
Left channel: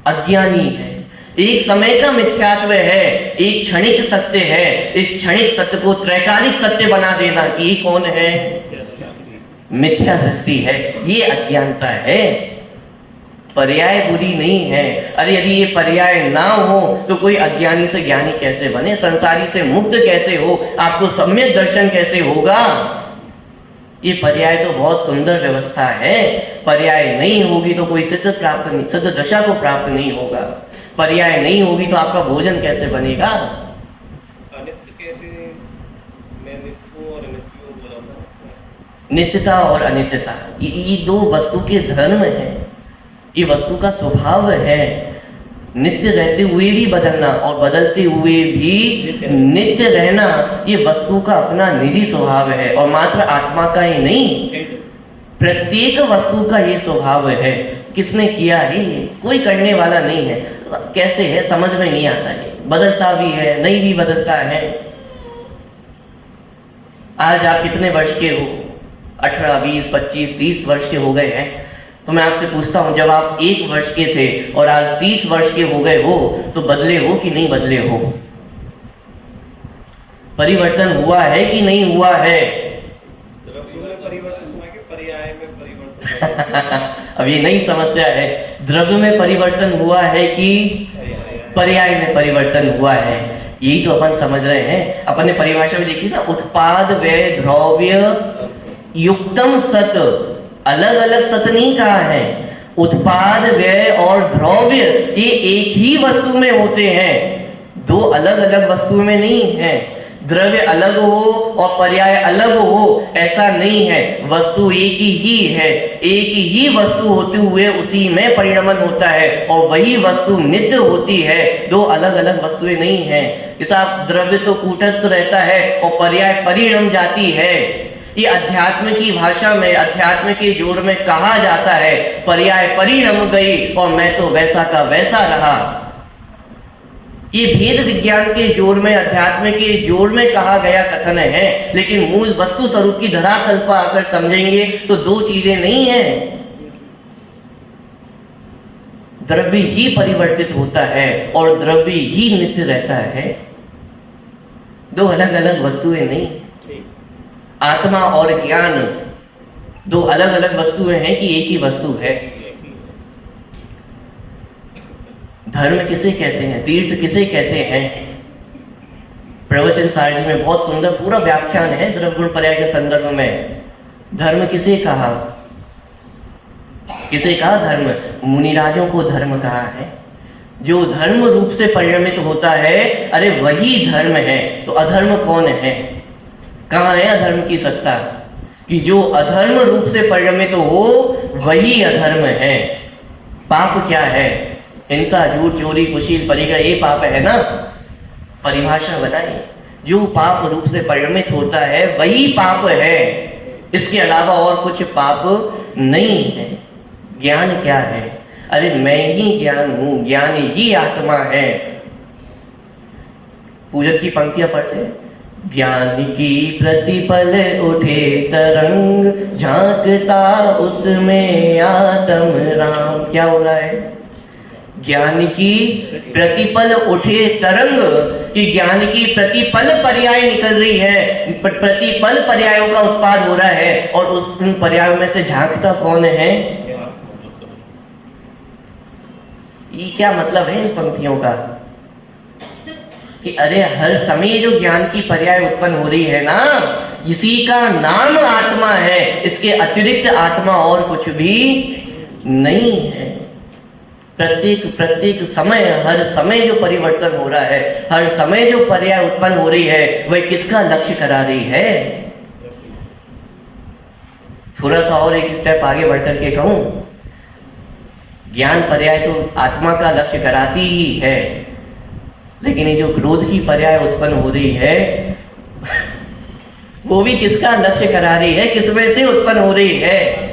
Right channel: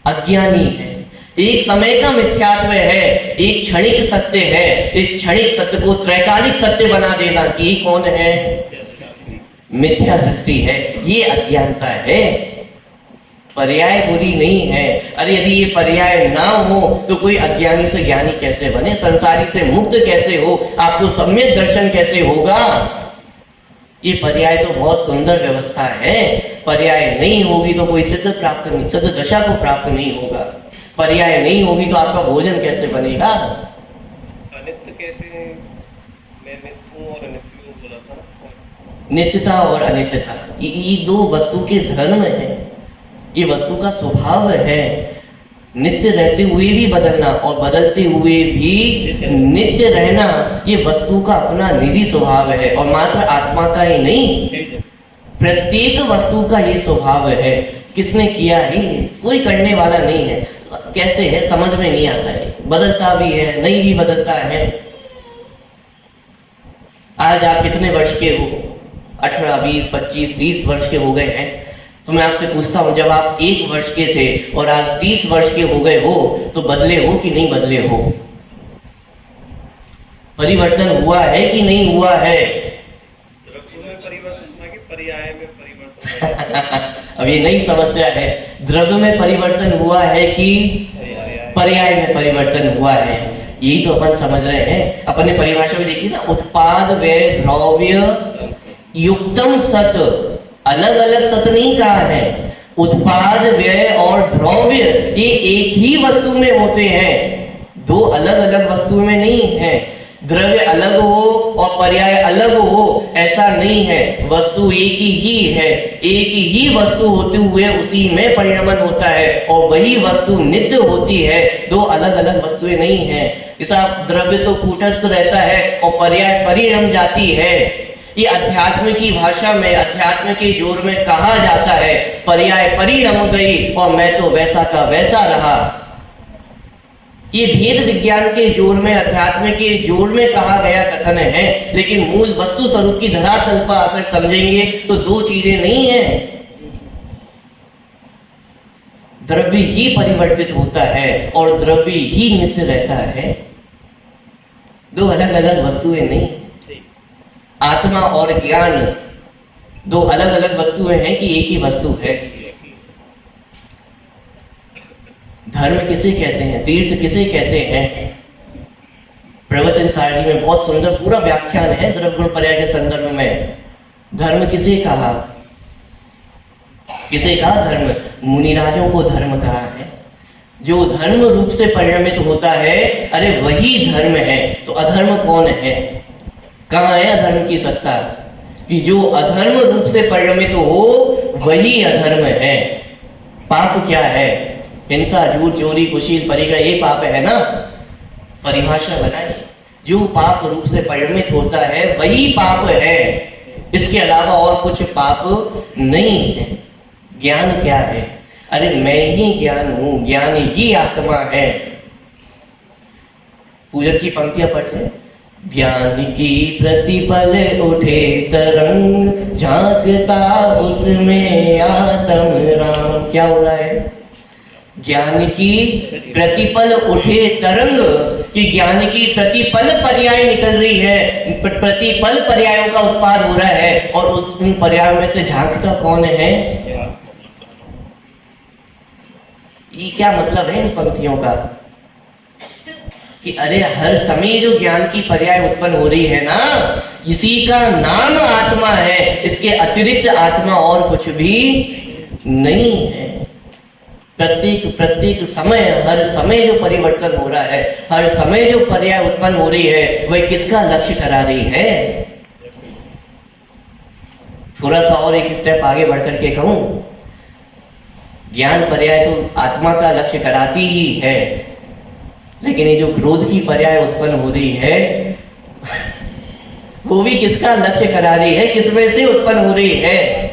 अज्ञानी है। एक समय का मिथ्यात्व है, एक क्षणिक सत्य है, इस क्षणिक सत्य को त्रैकालिक सत्य बना देना कि कौन है, मिथ्या दृष्टि है। ये अज्ञानता है, पर्याय बुरी नहीं है। अरे यदि ये पर्याय ना हो तो कोई अज्ञानी से ज्ञानी कैसे बने, संसारी से मुक्त कैसे हो, आपको सम्यक दर्शन कैसे होगा। ये पर्याय तो बहुत सुंदर व्यवस्था है, पर्याय नहीं होगी तो कोई सिद्ध प्राप्त नहीं, सिद्ध दशा को प्राप्त नहीं होगा। पर्याय नहीं होगी तो आपका भोजन कैसे बनेगा। अनित्य कैसे, मैं नित्य हूं और अनित्य हूं बोला था। नित्यता और अनित्यता ये दो वस्तु के धर्म है, ये वस्तु का स्वभाव है। नित्य रहते हुए भी बदलना और बदलते हुए भी नित्य रहना, ये वस्तु का अपना निजी स्वभाव है और मात्र आत्मा का ही नहीं, प्रत्येक वस्तु का ये स्वभाव है। किसने किया है, कोई करने वाला नहीं है। कैसे है समझ में नहीं आता है, बदलता भी है, नहीं भी बदलता है। आज आप कितने वर्ष के हो, 18, 20, 25, 30 वर्ष के हो गए हैं, तो मैं आपसे पूछता हूं जब आप 1 वर्ष के थे और आज 30 वर्ष के हो गए हो तो बदले हो कि नहीं बदले हो, परिवर्तन हुआ है कि नहीं हुआ है। द्रव्य में परिवर्तन है कि पर्याय में परिवर्तन अब ये नई समस्या है, द्रव्य में परिवर्तन हुआ है कि पर्याय में परिवर्तन हुआ है, यही तो अपन समझ रहे हैं। अपन ने परिभाषा में देखी ना, उत्पाद व्यय द्रव्य युक्तम सत, अलग अलग सत नहीं कहा है। उत्पाद व्यय और द्रव्य ये एक ही वस्तु में होते हैं, दो अलग अलग वस्तु में नहीं है। द्रव्य अलग हो और पर्याय अलग हो ऐसा नहीं है, वस्तु एक ही है। एक ही वस्तु होते हुए उसी में परिणमन होता है और वही वस्तु नित्य होती है, दो अलग अलग वस्तुएं नहीं है। ऐसा द्रव्य तो कूटस्थ रहता है और पर्याय परिणम जाती है। ये अध्यात्म की भाषा में, अध्यात्म के जोर में कहा जाता है, पर्याय परिणम गई और मैं तो वैसा का वैसा रहा। ये भेद विज्ञान के जोर में, अध्यात्म के जोर में कहा गया कथन है, लेकिन मूल वस्तु स्वरूप की धरातल पर आकर समझेंगे तो दो चीजें नहीं है। द्रव्य ही परिवर्तित होता है और द्रव्य ही नित्य रहता है, दो अलग अलग वस्तुएं नहीं। आत्मा और ज्ञान दो अलग अलग वस्तुएं हैं कि एक ही वस्तु है। धर्म किसे कहते हैं, तीर्थ किसे कहते हैं। प्रवचन सार जी में बहुत सुंदर पूरा व्याख्यान है द्रव्य गुण पर्याय के संदर्भ में। धर्म किसे कहा, किसे कहा धर्म, मुनिराजों को धर्म कहा है। जो धर्म रूप से परिणमित होता है, अरे वही धर्म है। तो अधर्म कौन है, कहां है अधर्म की सत्ता, कि जो अधर्म रूप से परिणमित हो वही अधर्म है। पाप क्या है, हिंसा, झूठ, चोरी, कुशील, परिग्रह, ये पाप है ना। परिभाषा बनाई, जो पाप रूप से परिणमित होता है वही पाप है, इसके अलावा और कुछ पाप नहीं है। ज्ञान क्या है, अरे मैं ही ज्ञान हूं, ज्ञान ही आत्मा है। पूजक की पंक्तियां पढ़ते, ज्ञान की प्रतिपल उठे तरंग, झांकता उसमें आत्म राम। क्या हो रहा है, ज्ञान की प्रतिपल उठे तरंग, कि ज्ञान की प्रतिपल पर्याय निकल रही है, प्रतिपल पर्यायों का उत्पाद हो रहा है और उस उन पर्यायों में से झांकता कौन है। ये क्या मतलब है इन पंक्तियों का, कि अरे हर समय जो ज्ञान की पर्याय उत्पन्न हो रही है ना, इसी का नाम आत्मा है, इसके अतिरिक्त आत्मा और कुछ भी नहीं है। प्रत्येक समय, हर समय जो परिवर्तन हो रहा है, हर समय जो पर्याय उत्पन्न हो रही है, वह किसका लक्ष्य करा रही है। थोड़ा सा और एक स्टेप आगे बढ़कर के कहूं, ज्ञान पर्याय तो आत्मा का लक्ष्य कराती ही है, लेकिन ये जो क्रोध की पर्याय उत्पन्न हो रही है वो भी किसका लक्ष्य करा रही है, किसमें से उत्पन्न हो रही है।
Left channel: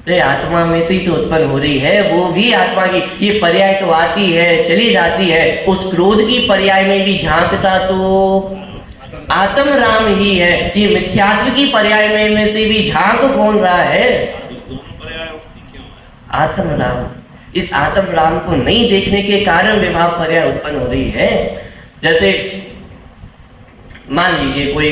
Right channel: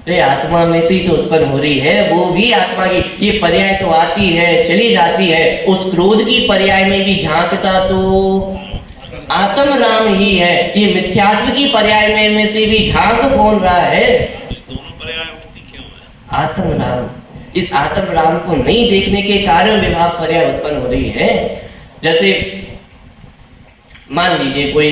अरे आत्मा में से ही तो उत्पन्न हो रही है, वो भी आत्मा की। ये पर्याय तो आती है चली जाती है, उस क्रोध की पर्याय में भी झांकता तो आत्म राम ही है। ये मिथ्यात्व की पर्याय में से भी झांक कौन रहा है? आत्म राम। इस आत्म राम को नहीं देखने के कारण विभाव पर्याय उत्पन्न हो रही है। जैसे मान लीजिए कोई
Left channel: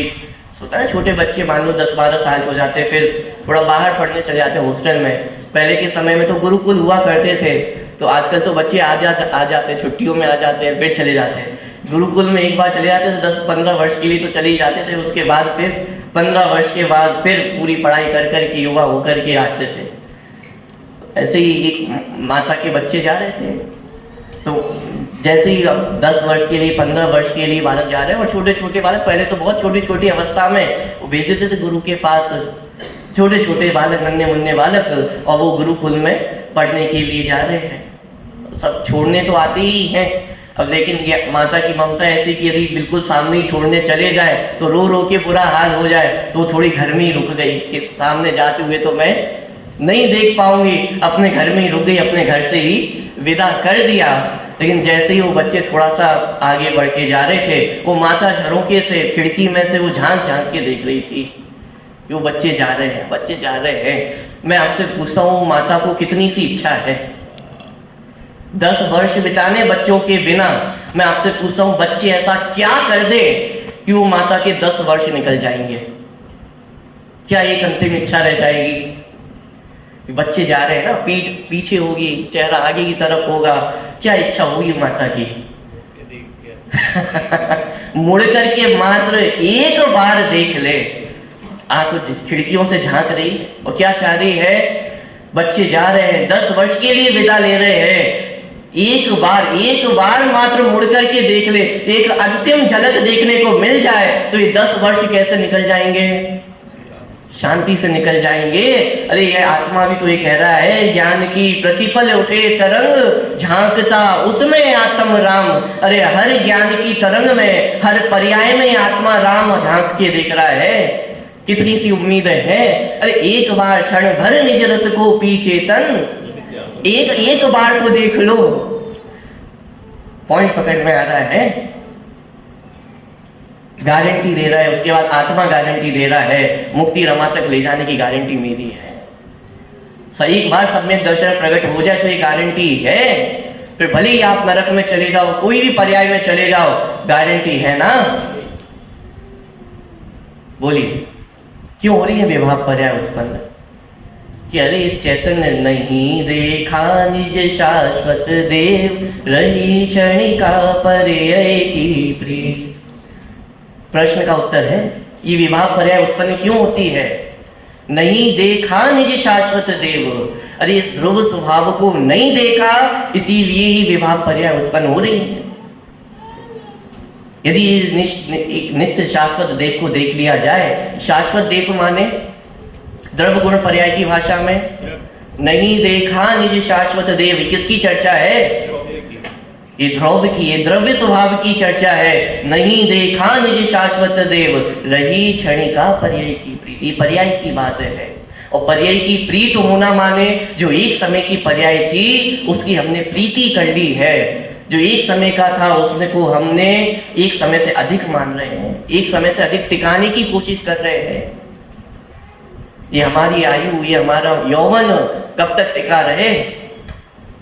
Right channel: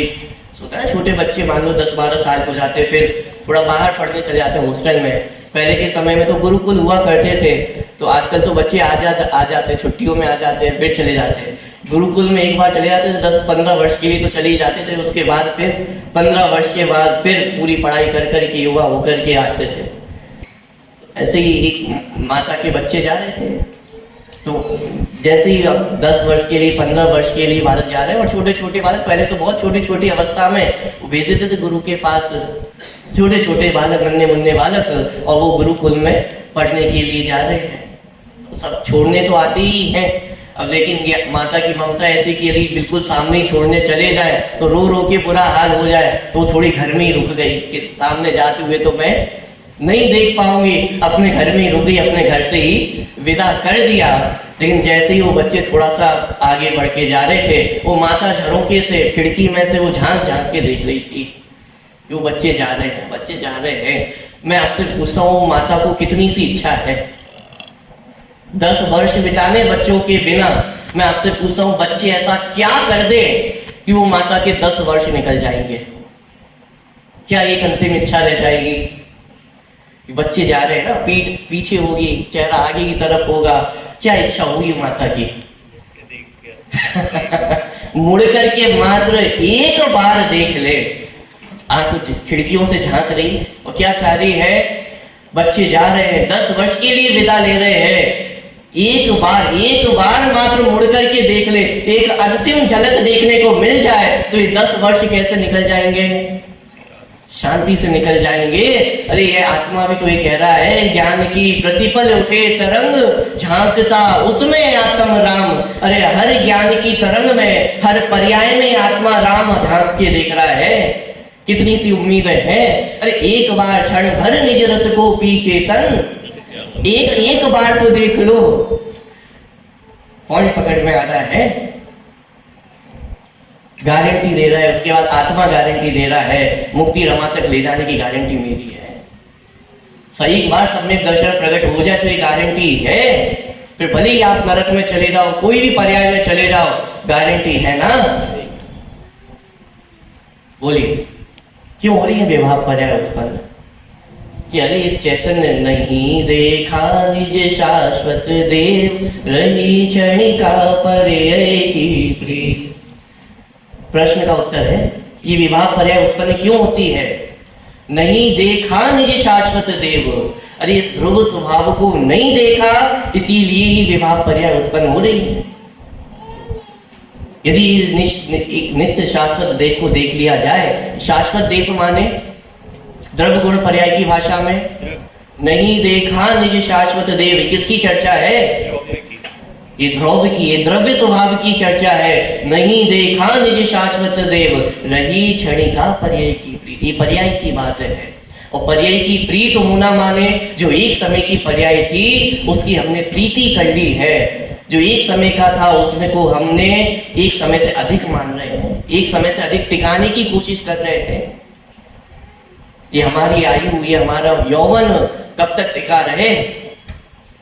होता है, छोटे बच्चे मान लो 10-12 साल के हो जाते, फिर थोड़ा बाहर पढ़ने चले जाते हैं हॉस्टल में। पहले के समय में तो गुरुकुल हुआ करते थे, तो आजकल तो बच्चे आ जाते हैं, छुट्टियों में आ जाते हैं, फिर चले जाते हैं। गुरुकुल में एक बार चले जाते थे 10-15 वर्ष के लिए तो चले ही जाते थे, उसके बाद फिर 15 वर्ष के बाद फिर पूरी पढ़ाई कर के युवा होकर के आते थे। ऐसे ही एक माता के बच्चे जा रहे थे, तो जैसे ही 10 वर्ष के लिए 15 वर्ष के लिए बालक जा रहे हैं, और छोटे छोटे बालक पहले तो बहुत छोटी छोटी अवस्था में भेज देते थे गुरु के पास, छोटे छोटे बालक, नन्हे मुन्ने बालक, और वो गुरुकुल में पढ़ने के लिए जा रहे हैं। सब छोड़ने तो आते ही हैं, अब लेकिन माता की ममता ऐसी कि यदि बिल्कुल सामने ही छोड़ने चले जाए तो रो रो के बुरा हाल हो जाए, तो थोड़ी घर में ही रुक गई कि सामने जाते हुए तो मैं नहीं देख पाऊंगी, अपने घर में ही रुक गई, अपने घर से ही विदा कर दिया। लेकिन जैसे ही वो बच्चे थोड़ा सा आगे बढ़ के जा रहे थे, वो माता झरोके से, खिड़की में से वो झांक झांक के देख रही थी कि वो बच्चे जा रहे हैं, बच्चे जा रहे हैं। मैं आपसे पूछता हूँ, माता को कितनी सी इच्छा है 10 वर्ष बिताने बच्चों के बिना? मैं आपसे पूछता हूँ, बच्चे ऐसा क्या कर दे कि वो माता के 10 वर्ष निकल जाएंगे? क्या एक अंतिम इच्छा रह जाएगी कि बच्चे जा रहे हैं ना, पीठ पीछे होगी, चेहरा आगे की तरफ होगा, क्या इच्छा होगी माता की? मुड़ करके मात्र एक बार देख ले। आंख खिड़कियों से झांक रही है और क्या चाह रही है? बच्चे जा रहे हैं, 10 वर्ष के लिए विदा ले रहे हैं, एक बार मात्र मुड़ करके देख ले, एक अंतिम झलक देखने को मिल जाए तो ये 10 वर्ष कैसे निकल जाएंगे? शांति से निकल जाएंगे। अरे ये आत्मा भी तो ये कह रहा है, ज्ञान की प्रतिपल उठे तरंग, झांकता उसमें आत्म राम। अरे हर ज्ञान की तरंग में, हर पर्याय में आत्मा राम झांक के देख रहा है। कितनी सी उम्मीदें हैं। अरे एक बार क्षण भर निज रस को पी चेतन, एक बार तो देख लो। पॉइंट पकड़ में आ रहा है। गारंटी दे रहा है, उसके बाद आत्मा गारंटी दे रहा है, मुक्ति रमा तक ले जाने की गारंटी मेरी है। सही एक बार सब में दर्शन प्रकट हो जाए तो ये गारंटी है। फिर भले ही आप नरक में चले जाओ, कोई भी पर्याय में चले जाओ, गारंटी है ना? बोलिए क्यों हो रही है विभाव पर्याय उत्पन्न? कि अरे इस चैतन्य नहीं देखा निज शाश्वत देव, रही क्षणिका पर्याय की प्रीत। प्रश्न का उत्तर है, ये विभाव पर्याय उत्पन्न क्यों होती है? नहीं देखा निज शाश्वत देव। अरे इस ध्रुव स्वभाव को नहीं देखा, इसीलिए ही विभाव पर्याय उत्पन्न हो रही है। यदि एक नित्य शाश्वत देव को देख लिया जाए, शाश्वत देव माने द्रव्य गुण पर्याय की भाषा में, नहीं देखा निज शाश्वत देव, किसकी चर्चा है? ये ध्रुव की, ये द्रव्य स्वभाव की चर्चा है। नहीं देखा निज शाश्वत देव, रही क्षणिका पर्याय की प्रीति। ये पर्याय की बात है। और पर्याय की प्रीत होना माने जो एक समय की पर्याय थी उसकी हमने प्रीति कर ली है। जो एक समय का था उसने को हमने एक समय से अधिक मान रहे हैं, एक समय से अधिक टिकाने की कोशिश कर रहे हैं। ये हमारी आयु, ये हमारा यौवन कब तक टिका रहे?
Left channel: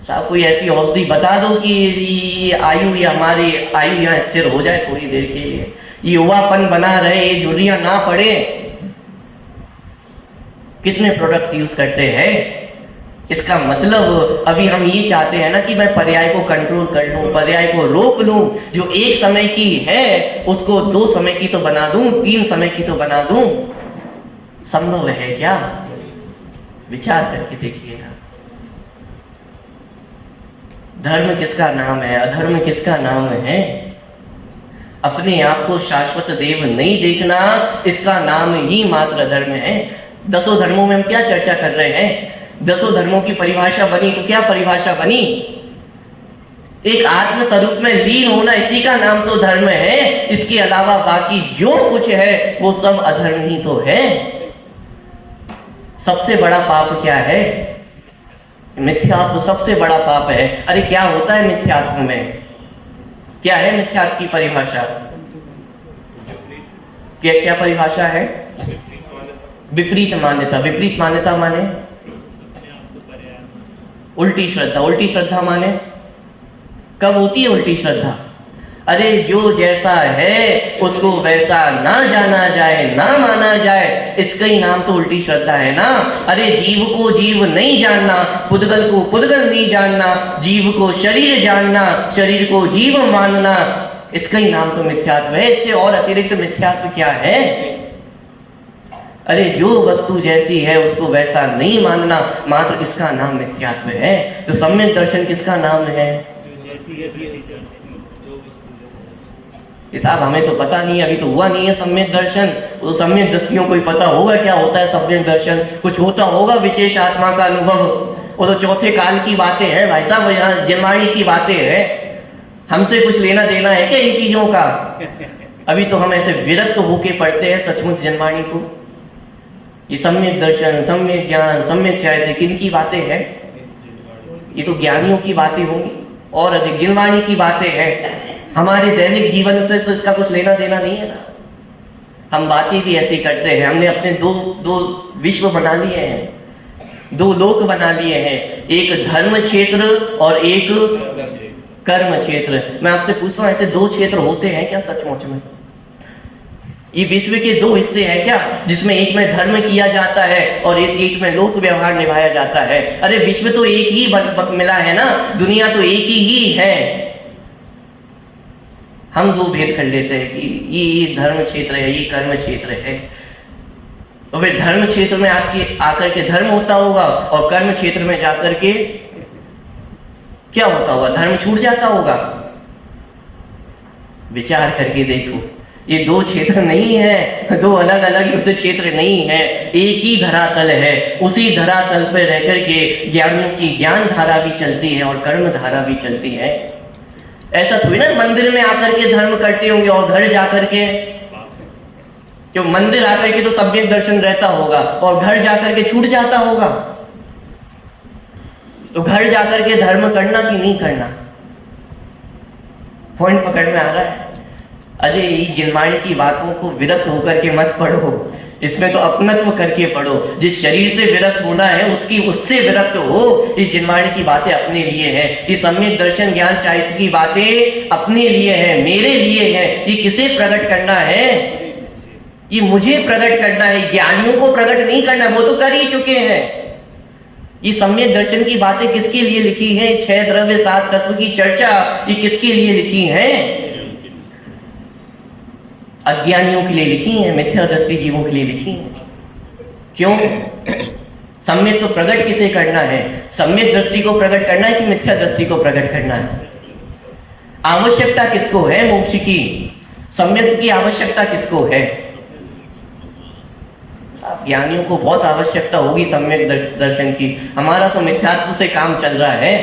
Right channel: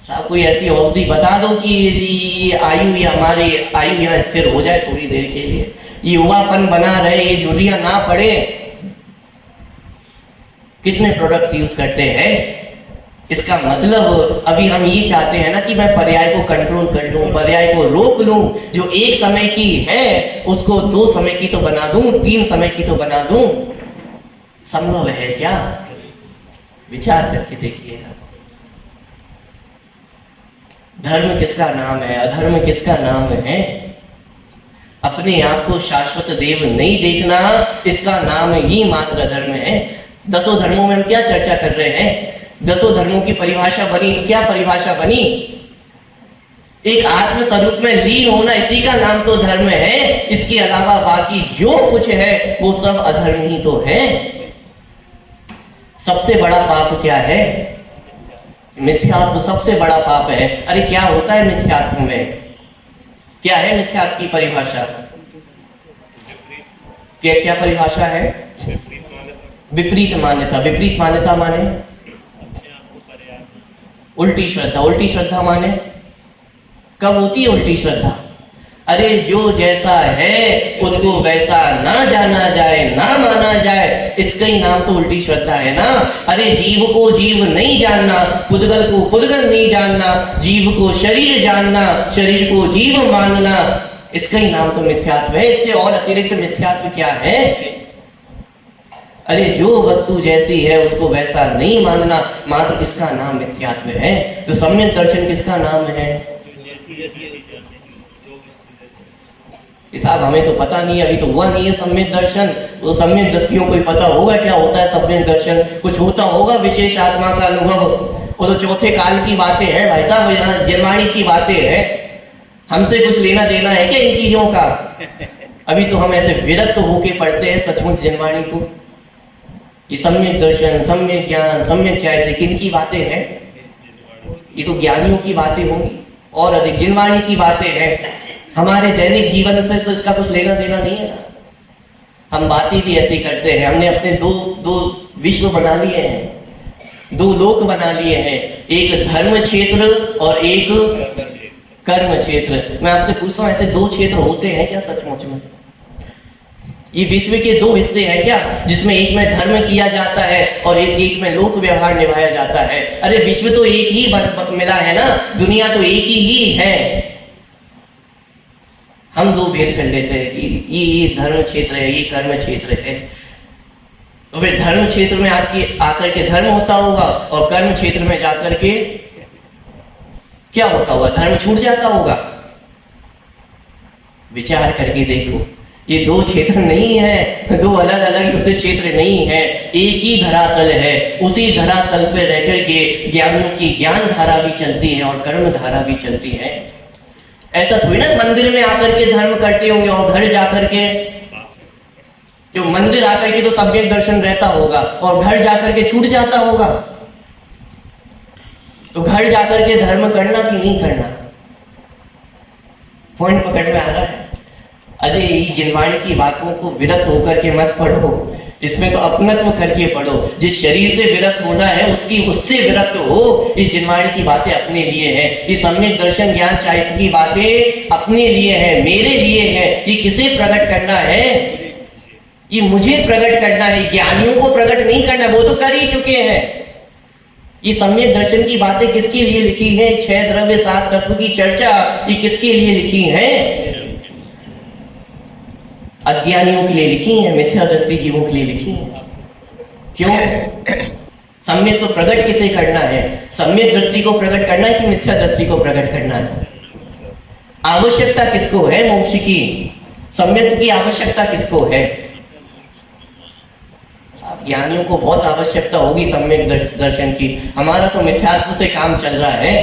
साहब कोई ऐसी औषधि बता दो कि ये आयु, ये हमारी आयु यहाँ स्थिर हो जाए थोड़ी देर के लिए, ये युवापन बना रहे, ये झुर्रियां ना पड़े। कितने प्रोडक्ट्स यूज करते हैं। इसका मतलब अभी हम ये चाहते हैं ना कि मैं पर्याय को कंट्रोल कर लूं, पर्याय को रोक लूं। जो एक समय की है उसको 2 समय की तो बना दूं, 3 समय की तो बना दूं। संभव है क्या? विचार करके देखिएगा। धर्म किसका नाम है, अधर्म किसका नाम है? अपने आप को शाश्वत देव नहीं देखना, इसका नाम ही मात्र धर्म है। 10 धर्मों में हम क्या चर्चा कर रहे हैं? 10 धर्मों की परिभाषा बनी तो क्या परिभाषा बनी? एक आत्म स्वरूप में लीन होना, इसी का नाम तो धर्म है। इसके अलावा बाकी जो कुछ है वो सब अधर्म ही तो है। सबसे बड़ा पाप क्या है? मिथ्यात्व सबसे बड़ा पाप है। अरे क्या होता है मिथ्यात्व में? क्या है मिथ्यात्व की परिभाषा? क्या क्या परिभाषा है? विपरीत मान्यता। विपरीत मान्यता माने उल्टी श्रद्धा। उल्टी श्रद्धा माने कब होती है उल्टी श्रद्धा? अरे जो जैसा है उसको वैसा ना जाना जाए, ना माना जाए, इसका ही नाम तो उल्टी श्रद्धा है ना। अरे जीव को जीव नहीं जानना, पुद्गल को पुद्गल नहीं जानना, जीव को शरीर जानना, शरीर को जीव मानना, इसका ही नाम तो मिथ्यात्व है। इससे और अतिरिक्त मिथ्यात्व क्या है? अरे जो वस्तु जैसी है उसको वैसा नहीं मानना, मात्र इसका नाम मिथ्यात्व है। तो सम्यक दर्शन किसका नाम है? साहब हमें तो पता नहीं है, अभी तो हुआ नहीं है सम्यक दर्शन। तो सम्यक दृष्टियों को ही पता होगा क्या होता है सम्यक दर्शन, कुछ होता होगा विशेष आत्मा का अनुभव। वो तो चौथे काल की बातें हैं भाई साहब, यहाँ जिनवाणी की बातें हैं। हमसे कुछ लेना देना है क्या इन चीजों का? अभी तो हम ऐसे विरक्त होके पढ़ते हैं सचमुच जिनवाणी को। ये सम्यक दर्शन, सम्यक ज्ञान, सम्यक चारित्र्य किनकी बातें हैं? ये तो ज्ञानियों की बातें होंगी और अधिक जिनवाणी की बातें हैं। हमारे दैनिक जीवन से तो इसका कुछ लेना देना नहीं है ना। हम बातें भी ऐसे करते हैं। हमने अपने दो विश्व बना लिए हैं, दो लोक बना लिए हैं, एक धर्म क्षेत्र और एक कर्म क्षेत्र। मैं आपसे पूछता हूँ ऐसे दो क्षेत्र होते हैं क्या सचमुच में? ये विश्व के दो हिस्से हैं क्या, जिसमें एक में धर्म किया जाता है और एक में लोक व्यवहार निभाया जाता है? अरे विश्व तो एक ही मिला है ना, दुनिया तो एक ही है। हम दो भेद कर लेते हैं कि ये धर्म क्षेत्र है, ये कर्म क्षेत्र है। तो फिर धर्म क्षेत्र में आकर के धर्म होता होगा और कर्म क्षेत्र में जाकर के क्या होता होगा? धर्म छूट जाता होगा। विचार करके देखो, ये दो क्षेत्र नहीं है, दो अलग अलग युद्ध क्षेत्र नहीं है, एक ही धरातल है। उसी धरातल पर रह करके ज्ञानियों की ज्ञान धारा भी चलती है और कर्म धारा भी चलती है। ऐसा थोड़ी ना मंदिर में आकर के धर्म करते होंगे और घर जाकर के, जो मंदिर आकर के तो सम्यक दर्शन रहता होगा और घर जाकर के छूट जाता होगा। तो घर जाकर के धर्म करना कि नहीं करना? पॉइंट पकड़ में आ रहा है? अरे जिनवाणी की बातों को विरक्त होकर के मत पढ़ो, इसमें तो अपनत्व करके पढ़ो। जिस शरीर से विरक्त होना है उससे विरक्त हो। ये जिनवाणी की बातें अपने लिए है, ये सम्यक दर्शन ज्ञान चारित्र की बातें अपने लिए है, मेरे लिए है। ये किसे प्रकट करना है? ये मुझे प्रकट करना है, ज्ञानियों को प्रकट नहीं करना, वो तो कर ही चुके हैं। ये सम्यक दर्शन की बातें किसके लिए लिखी है? 6 द्रव्य 7 तत्व की चर्चा ये किसके लिए लिखी है? अज्ञानियों के लिए लिखी है, मिथ्या दृष्टि जीवों के लिए लिखी है। क्यों? सम्यक तो प्रकट किसे करना है? सम्यक दृष्टि को प्रकट करना है कि मिथ्या दृष्टि को प्रकट करना है? आवश्यकता किसको है मोक्ष की? सम्यक की आवश्यकता किसको है? ज्ञानियों को बहुत आवश्यकता होगी सम्यक दर्शन की। हमारा तो मिथ्यात्व से काम चल रहा है।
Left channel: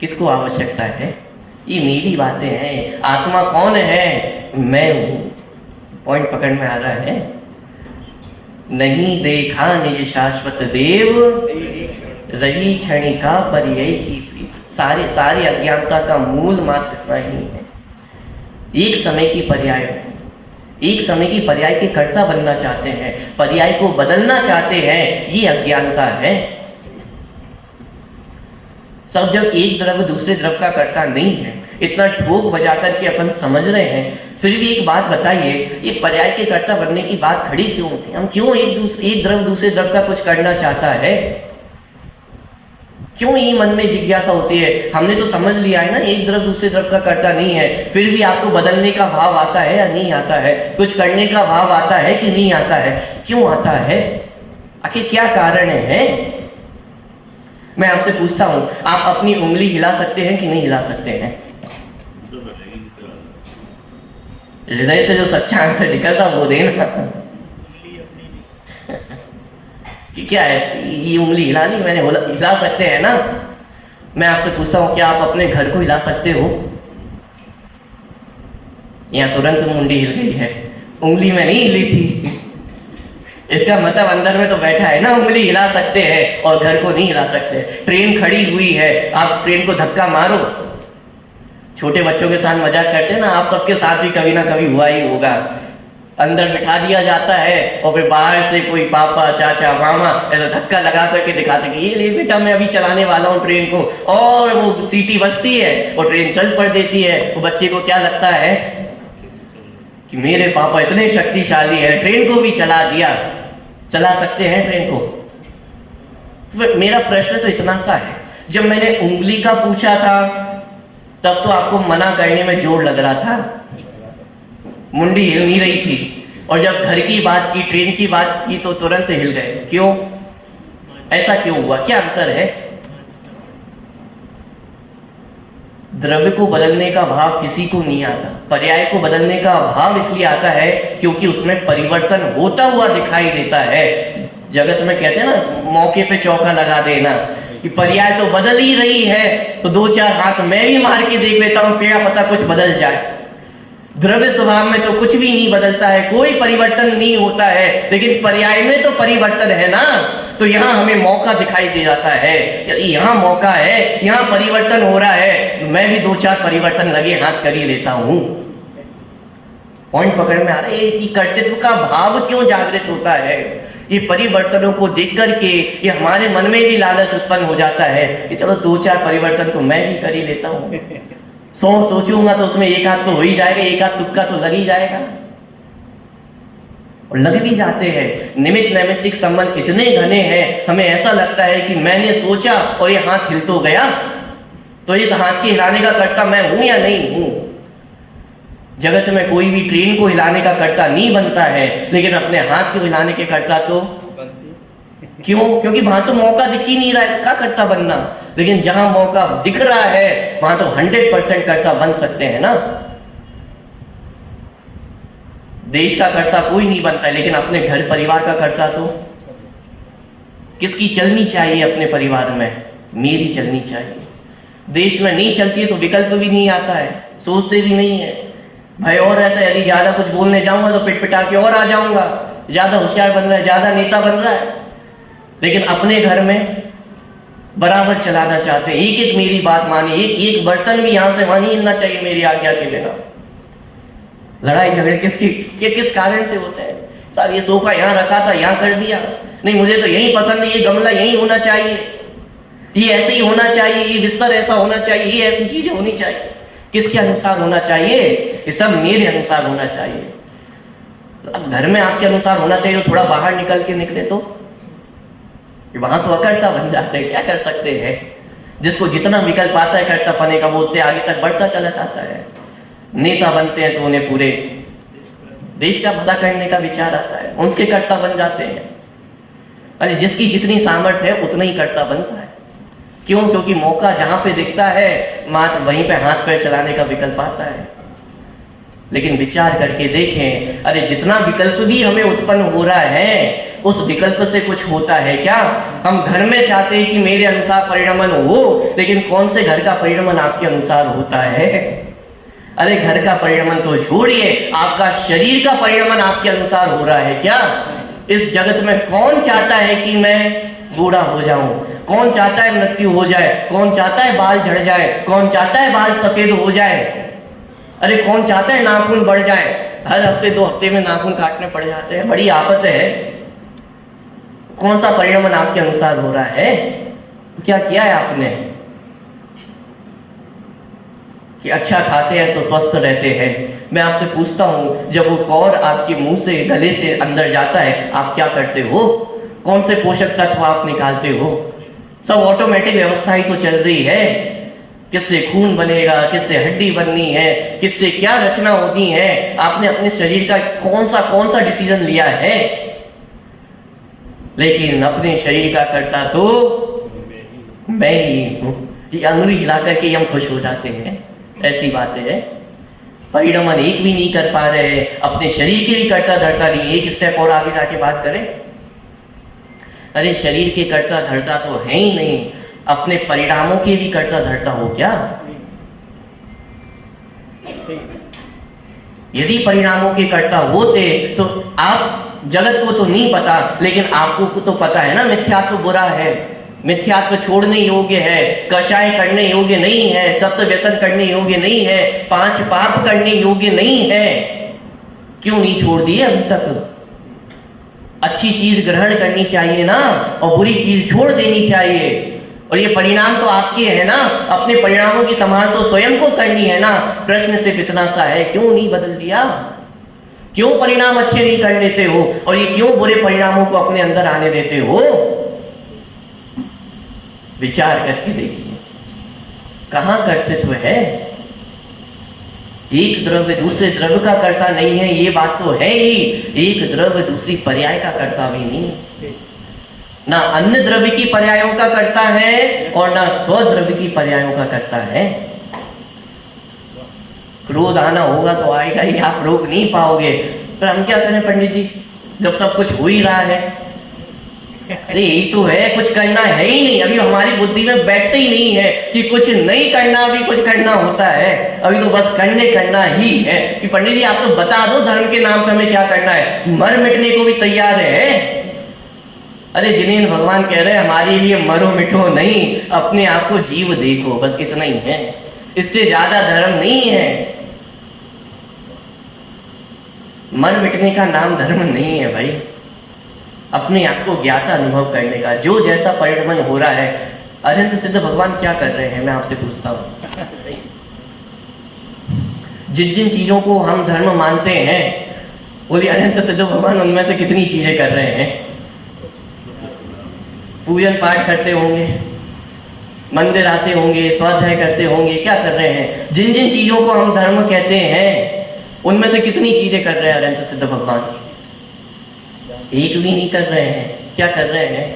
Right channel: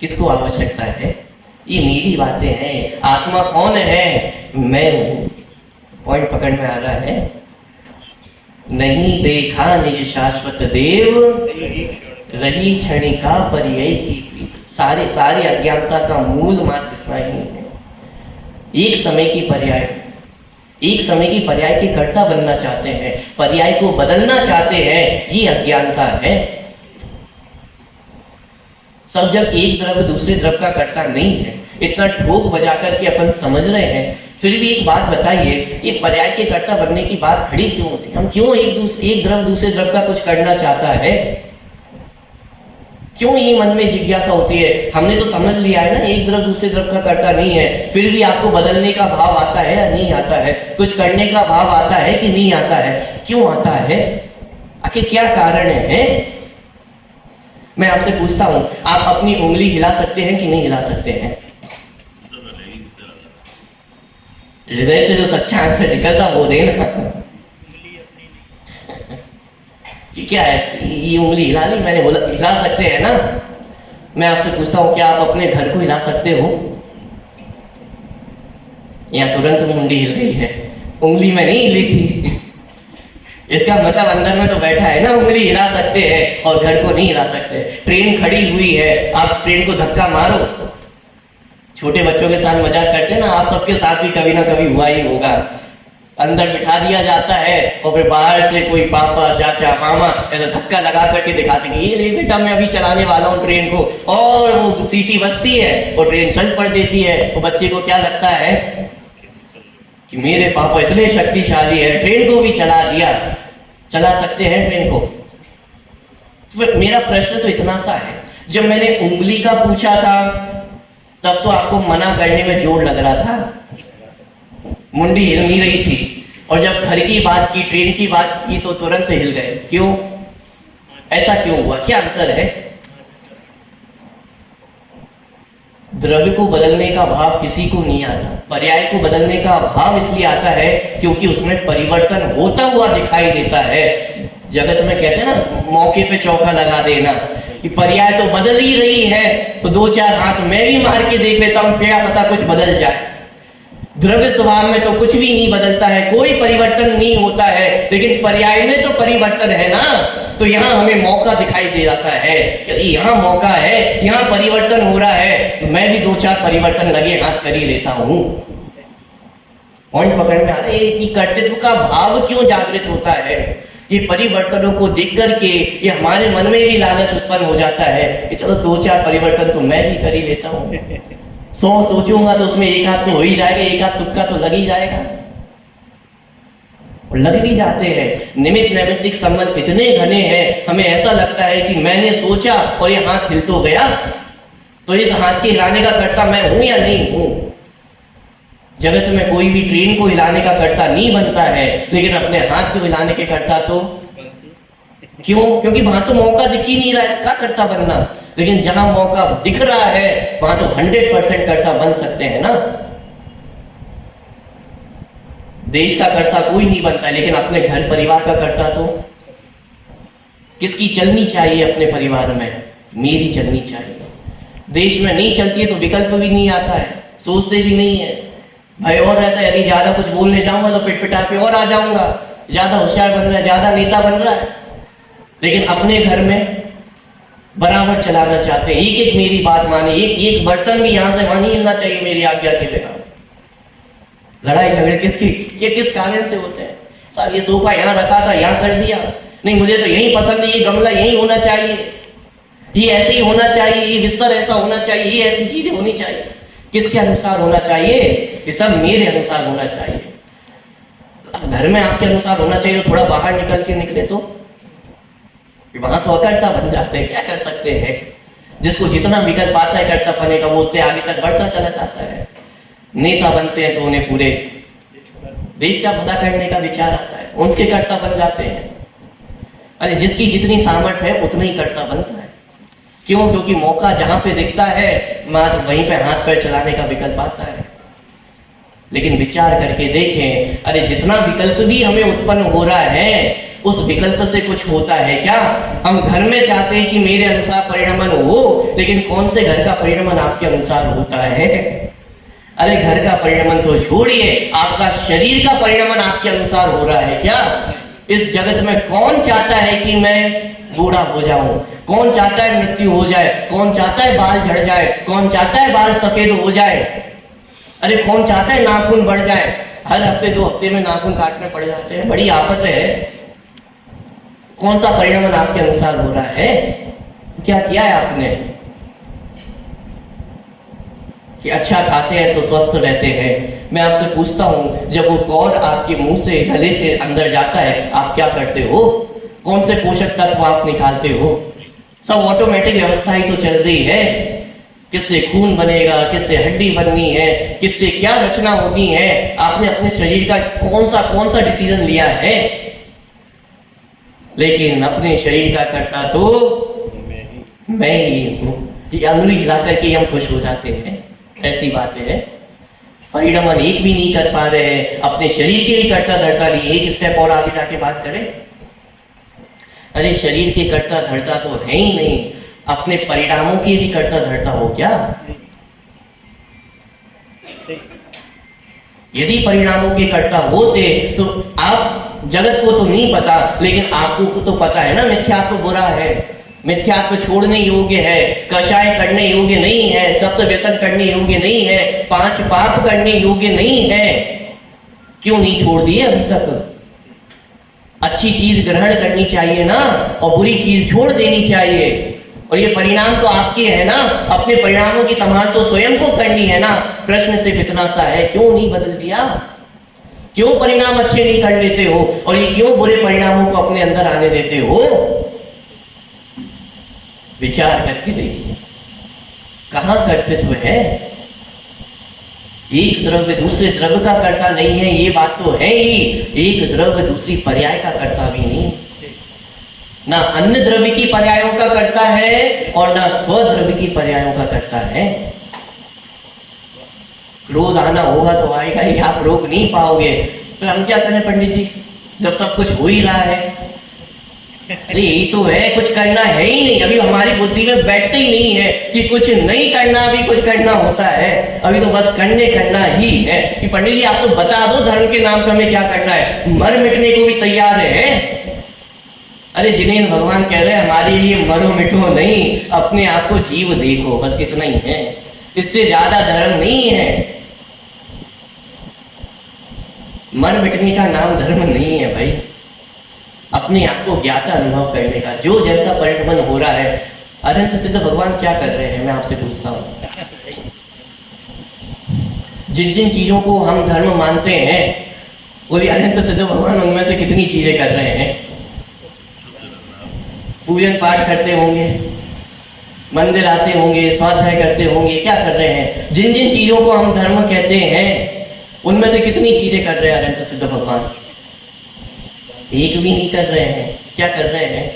किसको आवश्यकता है? ये मेरी बातें हैं। आत्मा कौन है? मैं हूं। पॉइंट पकड़ में आ रहा है? नहीं देखा निज शाश्वत देव, रही क्षणिका पर्यय की प्रीत। सारे अज्ञानता का मूल मात्र इतना ही है। एक समय की पर्याय के कर्ता बनना चाहते हैं, पर्याय को बदलना चाहते हैं, ये अज्ञानता है। सब जब एक द्रव्य दूसरे द्रव्य का कर्ता नहीं है, इतना ठोक बजा करके अपन समझ रहे हैं, फिर भी एक बात बताइए, ये पर्याय के कर्ता बनने की बात खड़ी क्यों होती है? हम क्यों एक द्रव्य दूसरे द्रव्य का कुछ करना चाहता है? क्यों ये मन में जिज्ञासा होती है? हमने तो समझ लिया है ना एक द्रव्य दूसरे द्रव्य का कर्ता नहीं है, फिर भी आपको बदलने का भाव आता है या नहीं आता है? कुछ करने का भाव आता है कि नहीं आता है? क्यों आता है? आखिर क्या कारण है? मैं आपसे पूछता हूं, आप अपनी उंगली हिला सकते हैं कि नहीं हिला सकते हैं? हृदय से जो सच्चा आंसर निकलता वो देना। कि क्या है, ये उंगली हिला ली मैंने, हिला सकते हैं ना? मैं आपसे पूछता हूं, क्या आप अपने घर को हिला सकते हो? या तुरंत मुंडी हिल गई है? उंगली में नहीं हिली थी। इसका मतलब अंदर में तो बैठा है ना, उंगली हिला सकते हैं और घर को नहीं हिला सकते। ट्रेन खड़ी हुई है, आप ट्रेन को धक्का मारो, छोटे बच्चों के साथ मजाक करते हैं ना, आप सबके साथ भी कभी ना कभी हुआ ही होगा। अंदर बिठा दिया जाता है और फिर बाहर से कोई पापा चाचा मामा ऐसा धक्का लगा करके दिखाते कि ये ले बेटा मैं अभी चलाने वाला हूँ ट्रेन को, और वो सीटी बजती है और ट्रेन चल पड़ देती है। वो बच्चे को क्या लगता है कि मेरे पापा इतने शक्तिशाली है, ट्रेन को भी चला दिया, चला सकते हैं ट्रेन को। तो मेरा प्रश्न तो इतना सा है, जब मैंने उंगली का पूछा था तब तो आपको मना करने में जोर लग रहा था, मुंडी हिल नहीं रही थी, और जब घर की बात की, ट्रेन की बात की तो तुरंत हिल गए। क्यों? ऐसा क्यों हुआ? क्या अंतर है? द्रव्य को बदलने का भाव किसी को नहीं आता, पर्याय को बदलने का भाव इसलिए आता है क्योंकि उसमें परिवर्तन होता हुआ दिखाई देता है। जगत में कहते हैं ना, मौके पे चौका लगा देना, कि पर्याय तो बदल ही रही है तो दो चार हाथ मैं भी मार के देख लेता हूं, क्या पता कुछ बदल जाए। द्रव्य स्वभाव में तो कुछ भी नहीं बदलता है, कोई परिवर्तन नहीं होता है, लेकिन पर्याय में तो परिवर्तन है ना। तो यहाँ हमें मौका दिखाई दे जाता है कि यहाँ मौका है, यहाँ परिवर्तन हो रहा है, तो मैं भी दो चार परिवर्तन लगे हाथ कर ही लेता हूं। पॉइंट पकड़ में आ रहा है कि कर्तृत्व का भाव क्यों जागृत होता है। ये परिवर्तनों को देख करके ये हमारे मन में भी लालच उत्पन्न हो जाता है कि चलो दो चार परिवर्तन तो मैं भी कर ही लेता हूं। 100 सोचूंगा तो उसमें एक हाथ तो हो ही जाएगा, एक हाथ तुक्का तो लग ही जाएगा, और लग भी जाते हैं। निमित्त नैमित्तिक संबंध इतने घने हैं, हमें ऐसा लगता है कि मैंने सोचा और ये हाथ हिल तो गया, तो इस हाथ के हिलाने का कर्ता मैं हूं या नहीं हूं। जगत में कोई भी ट्रेन को हिलाने का कर्ता नहीं बनता है, लेकिन अपने हाथ को हिलाने के कर्ता तो क्यों? क्योंकि वहां तो मौका दिख ही नहीं रहा है, क्या कर्ता बनना। लेकिन जहां मौका दिख रहा है वहां तो 100% कर्ता बन सकते हैं ना। देश का कर्ता कोई नहीं बनता है, लेकिन अपने घर परिवार का कर्ता तो किसकी चलनी चाहिए? अपने परिवार में मेरी चलनी चाहिए। देश में नहीं चलती है तो विकल्प भी नहीं आता है, सोचते भी नहीं है, भय और रहता है यदि ज्यादा कुछ बोलने जाऊंगा तो पिटपिटा के और आ जाऊंगा, ज्यादा होशियार बन रहा है, ज्यादा नेता बन रहा है। लेकिन अपने घर में बराबर चलाना चाहते हैं, एक एक मेरी बात माने, एक एक बर्तन भी यहां से वहां नहीं हिलना चाहिए मेरी आज्ञा के बिना। लड़ाई झगड़े किस कारण से होते हैं? साहब ये सोफा यहाँ रखा था, यहाँ कर दिया, नहीं मुझे तो यही पसंद है, ये गमला यही होना चाहिए, ये ऐसे ही होना चाहिए, ये बिस्तर ऐसा होना चाहिए, ये ऐसी चीजें होनी चाहिए। किसके अनुसार होना चाहिए? ये सब मेरे अनुसार होना चाहिए। अब घर में आपके अनुसार होना चाहिए तो थोड़ा बाहर निकल के निकले तो वहां तो अकर्ता बन जाते हैं। क्या कर सकते हैं? जिसको जितना विकल्प आता है कर्ता पने का, वो उतने आगे तक बढ़ता चला जाता है। नेता बनते हैं तो उन्हें पूरे देश का भला करने का विचार आता है, उनके कर्ता बन जाते हैं। अरे जिसकी जितनी सामर्थ्य है उतना ही कर्ता बनता है। क्यों? क्योंकि मौका जहां पे दिखता है मात्र वहीं पे हाथ पैर चलाने का विकल्प आता है। लेकिन विचार करके देखें, अरे जितना विकल्प भी हमें उत्पन्न हो रहा है उस विकल्प से कुछ होता है क्या? हम घर में चाहते हैं कि मेरे अनुसार परिणमन हो, लेकिन कौन से घर का परिणमन आपके अनुसार होता है? अरे घर का परिणमन तो छोड़िए, आपका शरीर का परिणमन आपके अनुसार हो रहा है क्या? इस जगत में कौन चाहता है कि मैं बूढ़ा हो जाऊं? कौन चाहता है मृत्यु हो जाए? कौन चाहता है बाल झड़ जाए? कौन चाहता है बाल सफेद हो जाए? अरे कौन चाहता है नाखून बढ़ जाए? हर हफ्ते 2 हफ्ते में नाखून काटने पड़ जाते हैं, बड़ी आफत है। कौन सा परिणमन आपके अनुसार हो रहा है? क्या किया है आपने कि अच्छा खाते हैं तो स्वस्थ रहते हैं? मैं आपसे पूछता हूं, जब वो कौर आपके मुंह से गले से अंदर जाता है आप क्या करते हो? कौन से पोषक तत्व आप निकालते हो? सब ऑटोमेटिक व्यवस्था ही तो चल रही है। किससे खून बनेगा, किससे हड्डी बननी है, किससे क्या रचना होती है, आपने अपने शरीर का कौन सा डिसीजन लिया है? लेकिन अपने शरीर का कर्ता तो मैं ही हूं। ये अंगुली हिला करके हम खुश हो जाते हैं, ऐसी बातें है। परिणमन एक भी नहीं कर पा रहे हैं, अपने शरीर के भी कर्ता धर्ता नहीं। एक स्टेप और आगे जाके बात करें, अरे शरीर के कर्ता धर्ता तो है ही नहीं, अपने परिणामों के भी कर्ता धर्ता हो क्या? यदि परिणामों के कर्ता होते तो आप, जगत को तो नहीं पता लेकिन आपको तो पता है ना मिथ्या तो बुरा है, मिथ्यात्व छोड़ने योग्य है, कषाय करने योग्य नहीं है, सप्त व्यसन करने योग्य नहीं है, 5 पाप करने योग्य नहीं है। क्यों नहीं छोड़ दिए अभी तक? अच्छी चीज ग्रहण करनी चाहिए ना, और बुरी चीज छोड़ देनी चाहिए। और ये परिणाम तो आपके है ना, अपने परिणामों की संभाल तो स्वयं को करनी है ना। प्रश्न सिर्फ इतना सा है, क्यों नहीं बदल दिया? क्यों परिणाम अच्छे नहीं कर लेते हो, और ये क्यों बुरे परिणामों को अपने अंदर आने देते हो? विचार करके देखिए, कहां कर्तृत्व है? एक द्रव्य दूसरे द्रव्य का कर्ता नहीं है, ये बात तो है ही। एक द्रव्य दूसरी पर्याय का कर्ता भी नहीं, ना अन्य द्रव्य की पर्यायों का कर्ता है और ना स्वद्रव्य की पर्यायों का कर्ता है। क्रोध आना होगा तो आएगा ही, आप रोक नहीं पाओगे। पर हम क्या करें पंडित जी, जब सब कुछ हो ही रहा है? अरे यही तो है, कुछ करना है ही नहीं। अभी हमारी बुद्धि में बैठते ही नहीं है कि कुछ नहीं करना भी कुछ करना होता है। अभी तो बस करना ही है कि पंडित जी आप तो बता दो धर्म के नाम पर हमें क्या करना है। मर मिटने को भी तैयार है। अरे जिनेंद्र भगवान कह रहे हैं हमारे लिए मरो मिटो नहीं, अपने आप को जीव देखो, बस इतना ही है, इससे ज्यादा धर्म नहीं है। मर मिटने का नाम धर्म नहीं है भाई, अपने आप को ज्ञाता अनुभव करने का। जो जैसा परिणमन हो रहा है, अनंत सिद्ध भगवान क्या कर रहे हैं, मैं आपसे पूछता हूं। जिन जिन चीजों को हम धर्म मानते हैं, बोलिए अनंत सिद्ध भगवान उनमें से कितनी चीजें कर रहे हैं? पूजन पाठ करते होंगे, मंदिर आते होंगे, स्वाध्याय करते होंगे, क्या कर रहे हैं? जिन जिन चीजों को हम धर्म कहते हैं उनमें से कितनी चीजें कर रहे हैं अनंत सिद्ध भगवान? एक भी नहीं कर रहे हैं। क्या कर रहे हैं?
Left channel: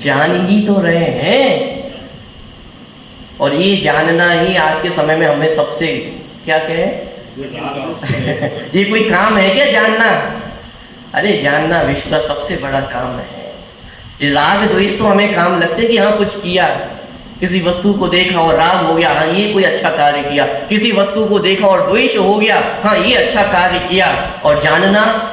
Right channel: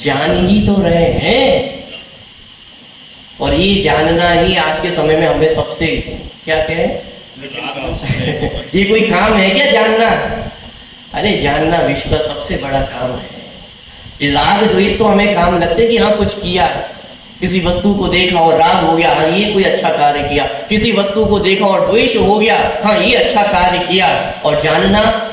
जान ही तो रहे हैं। और ये जानना ही आज के समय में हमें सबसे क्या कहे ये कोई काम है क्या जानना? अरे जानना विश्व का सबसे बड़ा काम है। ये राग द्वेष तो हमें काम लगते हैं कि हाँ कुछ किया, किसी वस्तु को देखा और राग हो गया, हाँ ये कोई अच्छा कार्य किया। किसी वस्तु को देखा और द्वेष हो गया, हाँ ये अच्छा कार्य किया। और जानना,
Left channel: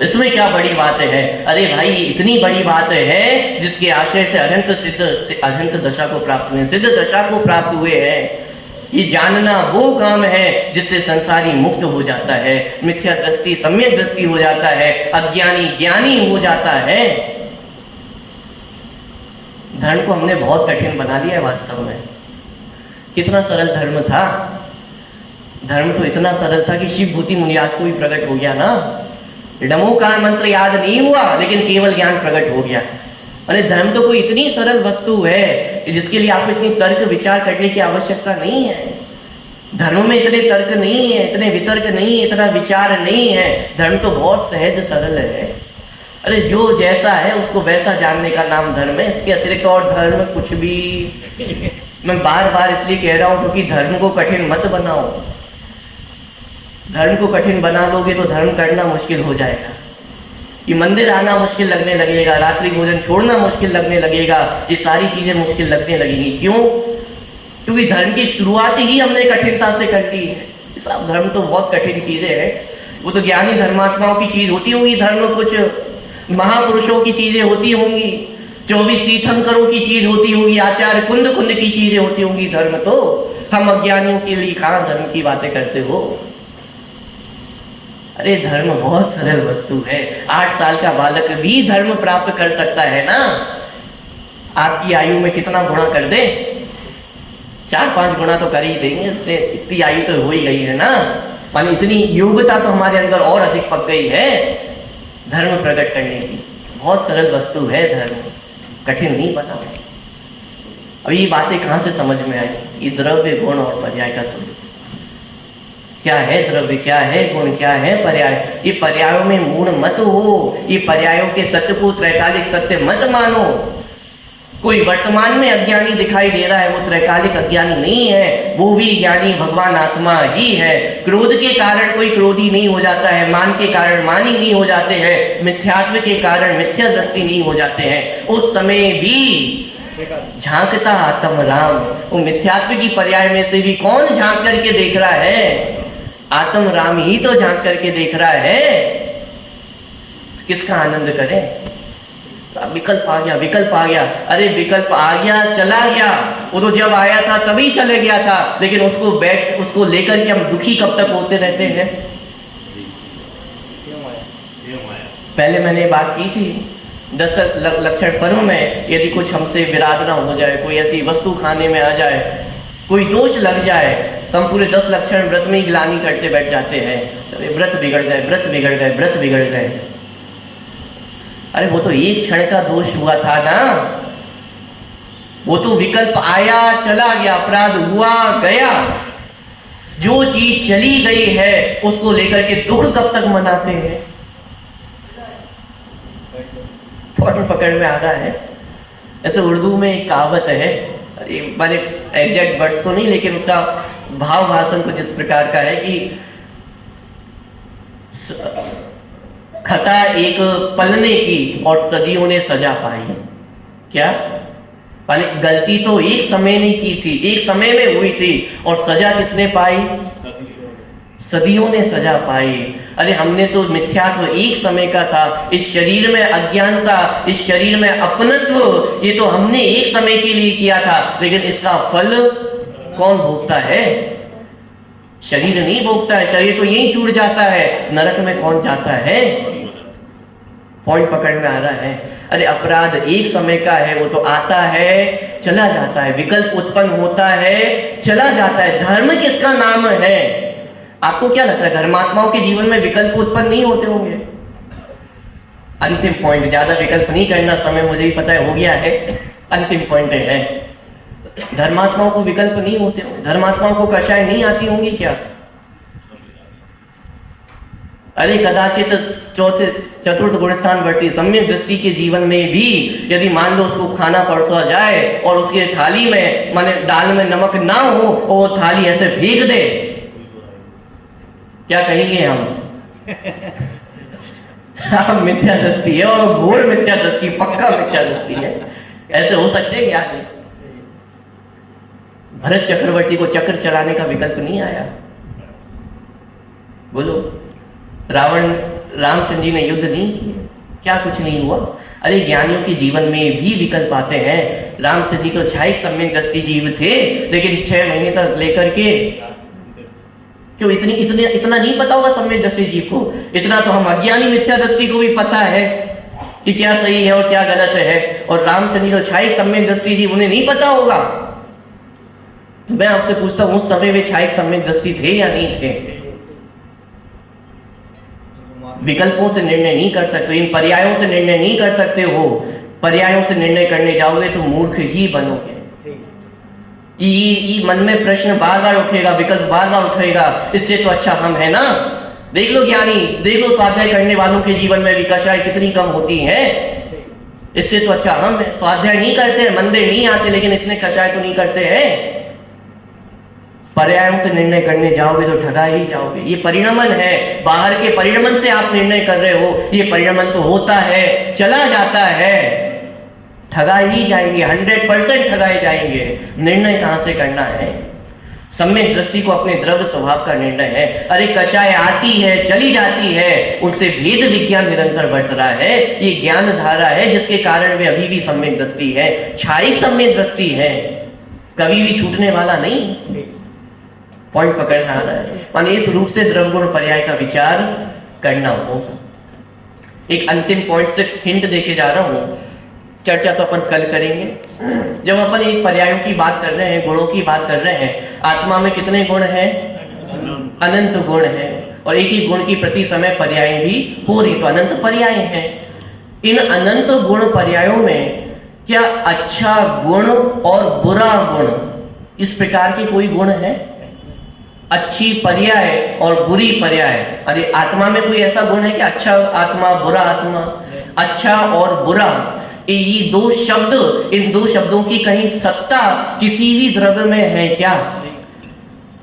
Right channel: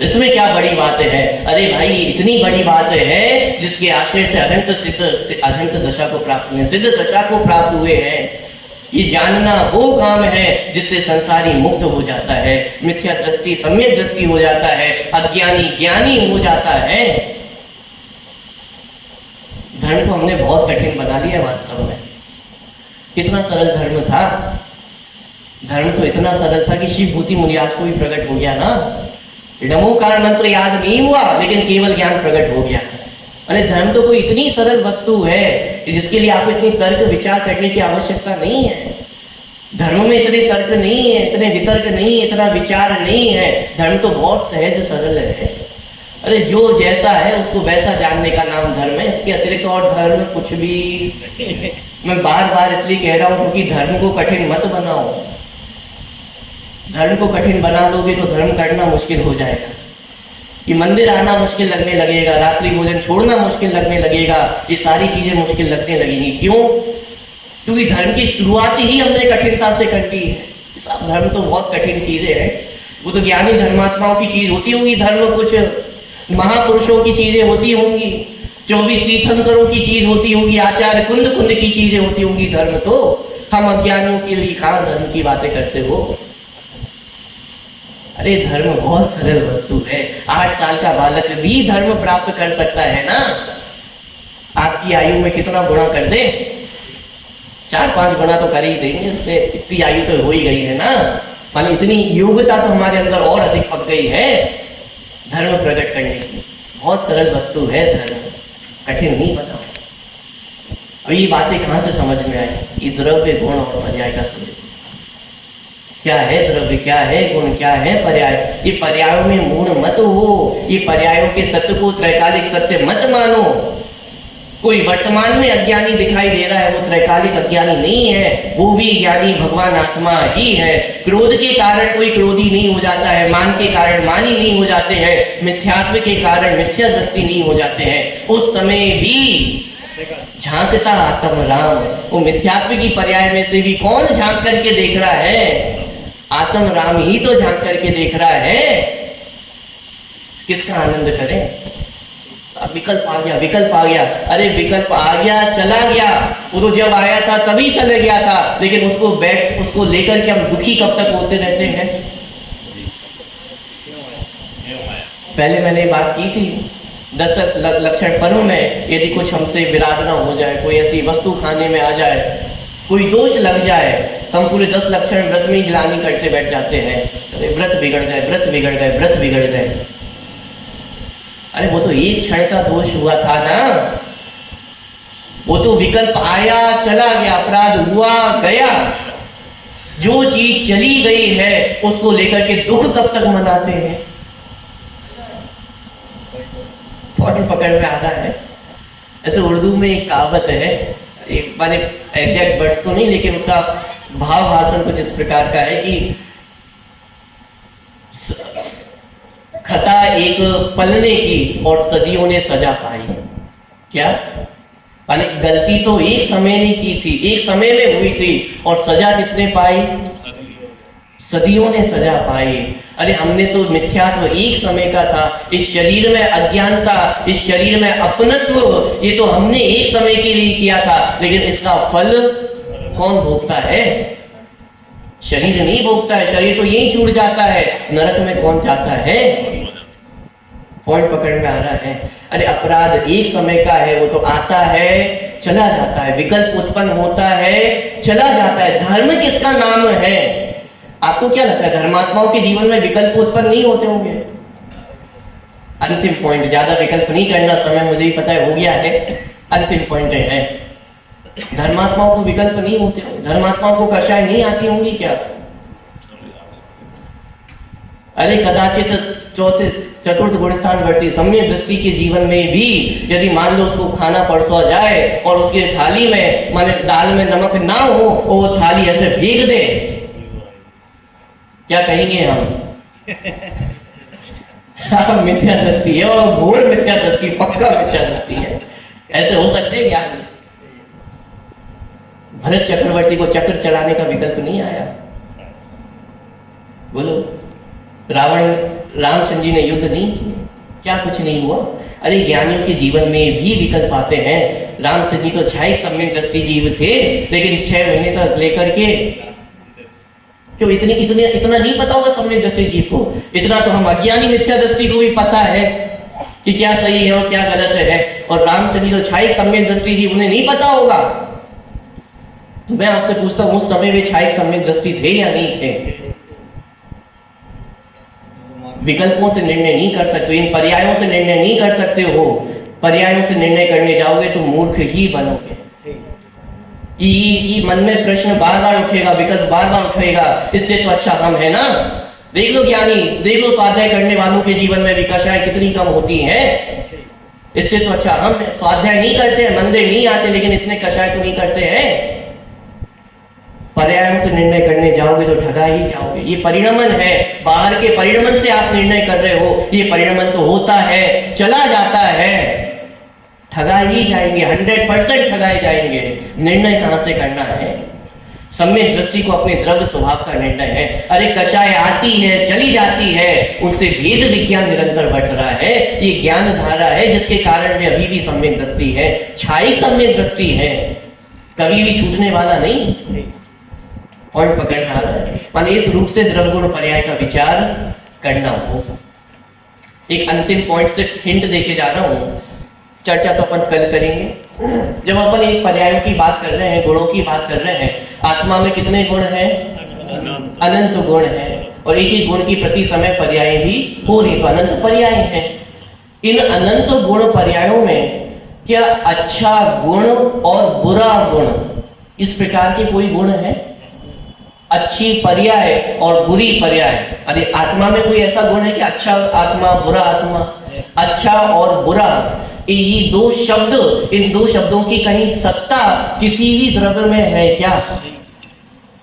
इसमें क्या बड़ी बातें है? अरे भाई इतनी बड़ी बात है जिसके आशय से अनंत दशा को प्राप्त हुए, सिद्ध दशा को प्राप्त हुए हैं। ये जानना वो काम है जिससे संसारी मुक्त हो जाता है, मिथ्या दृष्टि सम्यक दृष्टि हो जाता है, अज्ञानी ज्ञानी हो जाता है। धर्म को हमने बहुत कठिन बना लिया है वास्तव में। कितना सरल धर्म था। धर्म तो इतना सरल था कि शिव भूति मुनिराज को भी प्रकट हो गया ना। नमोकार मंत्र याद नहीं हुआ लेकिन केवल ज्ञान प्रकट हो गया। अरे धर्म तो कोई इतनी सरल वस्तु है कि जिसके लिए आपको इतनी तर्क विचार करने की आवश्यकता नहीं है। धर्म में इतने तर्क नहीं है, इतने वितर्क नहीं है, इतना विचार नहीं है। धर्म तो बहुत सहज सरल है। अरे जो जैसा है उसको वैसा जानने का नाम धर्म है। इसके अतिरिक्त और धर्म कुछ भी मैं बार बार इसलिए कह रहा हूं क्योंकि धर्म को कठिन मत बनाओ। धर्म को कठिन बना लोगे तो धर्म करना मुश्किल हो जाएगा। कि मंदिर आना मुश्किल लगने लगेगा, रात्रि भोजन छोड़ना मुश्किल लगने लगेगा, ये सारी चीजें मुश्किल लगने लगेंगी। क्यों? क्योंकि धर्म की शुरुआत ही हमने कठिनता से कर ली है। साहब धर्म तो बहुत कठिन चीजें हैं। वो तो ज्ञानी धर्मात्माओं की चीज होती होगी धर्म, कुछ महापुरुषों की चीजें होती होंगी, 24 तीर्थंकरों की चीज होती होगी, आचार्य कुंद की चीजें होती होंगी। धर्म तो हम अज्ञानियों के लिए कहां धर्म की बातें करते हो। अरे धर्म बहुत सरल वस्तु है। 8 साल का बालक भी धर्म प्राप्त कर सकता है ना। आपकी आयु में कितना गुणा कर दे? 4-5 गुणा तो कर ही देंगे। उससे इतनी आयु तो हो ही गई है ना, मानी इतनी योग्यता तो हमारे अंदर और अधिक पक गई है धर्म प्रकट करने की। बहुत सरल वस्तु है धर्म, कठिन नहीं बना। अब ये बातें कहां से समझ में आई? ये द्रव्य गुण और पर्याय का स्वरूप क्या है? द्रव्य क्या है? गुण क्या है? पर्याय। ये पर्यायों में मूढ़ मत हो। ये पर्यायों के सत्य को त्रैकालिक सत्य मत मानो। कोई वर्तमान में अज्ञानी दिखाई दे रहा है, वो त्रैकालिक अज्ञानी नहीं है, वो भी ज्ञानी भगवान आत्मा ही है। क्रोध के कारण कोई क्रोधी नहीं हो जाता है, मान के कारण मानी नहीं हो जाते हैं, मिथ्यात्व के कारण मिथ्या दृष्टि नहीं हो जाते हैं। उस समय भी झांकता आत्म राम। वो मिथ्यात्व की पर्याय में से भी कौन झांक करके देख रहा है? आत्म राम ही तो झांक करके देख रहा है। किसका आनंद करें? अब विकल्प आ गया, विकल्प आ गया। अरे विकल्प आ गया, चला गया। वो तो जब आया था तभी चले गया था, लेकिन उसको लेकर के हम दुखी कब तक होते रहते हैं? पहले मैंने बात की थी 10 लक्षण पर्व में, यदि कुछ हमसे विराध ना हो जाए, कोई ऐसी वस्तु खाने में आ जाए, कोई दोष लग जाए, तो हम पूरे 10 लक्षण व्रत में ही ग्लानि करते बैठ जाते हैं। अरे व्रत बिगड़ गए, व्रत बिगड़ गए, व्रत बिगड़ गए। अरे वो तो एक क्षण का दोष हुआ था ना, वो तो विकल्प आया चला गया, अपराध हुआ गया। जो चीज चली गई है उसको लेकर के दुख कब तक मनाते हैं? पॉइंट पकड़ में आ रहा है। ऐसे उर्दू में एक कहावत है, माने एग्जैक्ट वर्ड्स तो नहीं, लेकिन उसका भाव भाषण कुछ इस प्रकार का है कि खता एक पलने की और सदियों ने सजा पाई। क्या माने गलती तो एक समय ने की थी, एक समय में हुई थी, और सजा किसने पाई? सदियों ने सजा पाई। अरे हमने तो मिथ्यात्व एक समय का था, इस शरीर में अज्ञानता, इस शरीर में अपनत्व, ये तो हमने एक समय के लिए किया था, लेकिन इसका फल कौन भोगता है? शरीर नहीं भोगता है, शरीर तो यही छूट जाता है, नरक में कौन जाता है? पॉइंट पकड़ में आ रहा है। अरे अपराध एक समय का है, वो तो आता है चला जाता है, विकल्प उत्पन्न होता है चला जाता है। धर्म किसका नाम है? आपको क्या लगता है धर्मात्माओं के जीवन में विकल्प उत्पन्न नहीं होते होंगे? अंतिम पॉइंट, ज्यादा विकल्प नहीं करना, समय मुझे भी पता है हो गया है। अंतिम पॉइंट है धर्मात्माओं को विकल्प नहीं होते होंगे, धर्मात्माओं को कषाय नहीं आती होंगी क्या? अरे कदाचित चौथे चतुर्थ गुणस्थान वर्ती सम्यक दृष्टि के जीवन में भी यदि मान लो उसको खाना परोसा जाए और उसके थाली में माने दाल में नमक ना हो, वो थाली ऐसे फेंक दे, क्या कहेंगे हम? मिथ्या दृष्टि है, और घोर मिथ्या दृष्टि, पक्का मिथ्या दृष्टि है। ऐसे हो सकते हैं क्या? भरत चक्रवर्ती को चक्र चलाने का विकल्प नहीं आया। बोलो, रामचंद्र जी ने युद्ध नहीं किए, क्या कुछ नहीं हुआ? अरे ज्ञानियों के जीवन में भी विकल्प आते हैं। रामचंद्र जी तो क्षायिक सम्यक दृष्टि जीव थे, लेकिन 6 महीने तक लेकर के क्यों इतना नहीं पता होगा सम्यक दृष्टि जीव को? इतना तो हम अज्ञानी मिथ्या दृष्टि को भी पता है कि क्या सही है और क्या गलत है। और रामचंद्र जी तो क्षायिक सम्यक दृष्टि जीव, उन्हें नहीं पता होगा। तो मैं आपसे पूछता हूं, उस समय वे क्षायिक सम्यक दृष्टि थे या नहीं थे? विकल्पों से निर्णय नहीं कर सकते, इन पर्यायों से निर्णय नहीं कर सकते हो। पर्यायों से निर्णय करने जाओगे तो मूर्ख ही बनोगे। ये मन में प्रश्न बार बार उठेगा, विकल्प बार बार उठेगा, इससे तो अच्छा हम है ना। देख लो ज्ञानी, देख लो स्वाध्याय करने वालों के जीवन में भी कषाय कितनी कम होती है। इससे तो अच्छा हम है। स्वाध्याय नहीं करते, मंदिर नहीं आते, लेकिन इतने कषाय तो नहीं करते हैं। पर्यायों से निर्णय करने जाओगे तो ठगा ही जाओगे। ये परिणमन है, बाहर के परिणमन से आप निर्णय कर रहे हो। ये परिणमन तो होता है चला जाता है, ठगा ही जाएंगे, 100% ठगाए जाएंगे। निर्णय कहां से करना है? सम्यक दृष्टि को अपने द्रव्य स्वभाव का निर्णय है। अरे कषाय आती है चली जाती है, उनसे भेद विज्ञान निरंतर बढ़ रहा है। ये ज्ञान धारा है जिसके कारण में अभी भी सम्यक दृष्टि है, क्षायिक सम्यक दृष्टि है, कभी भी छूटने वाला नहीं। पॉइंट पकड़ना आ रहा है, माने इस रूप से द्रव्य गुण पर्याय का विचार करना होगा। एक अंतिम पॉइंट से हिंट देके जा रहा हूं, चर्चा तो अपन कल करेंगे। जब अपन एक पर्यायों की बात कर रहे हैं, गुणों की बात कर रहे हैं, आत्मा में कितने गुण हैं? अनंत गुण है, और एक ही गुण की प्रति समय पर्याय भी हो रही, तो अनंत पर्याय हैं। इन अनंत गुण पर्यायों में क्या अच्छा गुण और बुरा गुण, इस प्रकार के कोई गुण है? अच्छी पर्याय और बुरी पर्याय। अरे आत्मा में कोई ऐसा गुण है कि अच्छा आत्मा बुरा आत्मा? अच्छा और बुरा, ये दो शब्द, इन दो शब्दों की कहीं सत्ता किसी भी द्रव्य में है क्या?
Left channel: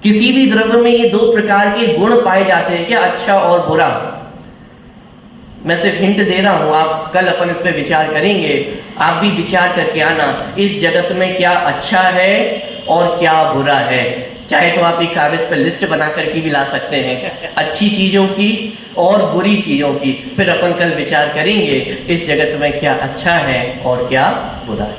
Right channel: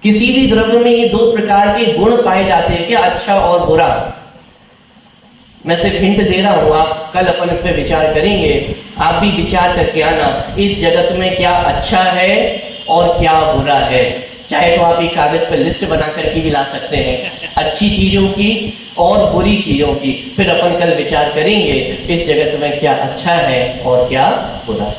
किसी भी द्रव्य में ये दो प्रकार के गुण पाए जाते हैं क्या, अच्छा और बुरा? मैं सिर्फ हिंट दे रहा हूं, आप कल अपन इस पे विचार करेंगे। आप भी विचार करके आना, इस जगत में क्या अच्छा है और क्या बुरा है। चाहे तो आप एक कागज पर लिस्ट बना करके भी ला सकते हैं, अच्छी चीजों की और बुरी चीजों की। फिर अपन कल विचार करेंगे इस जगत में क्या अच्छा है और क्या बुरा है।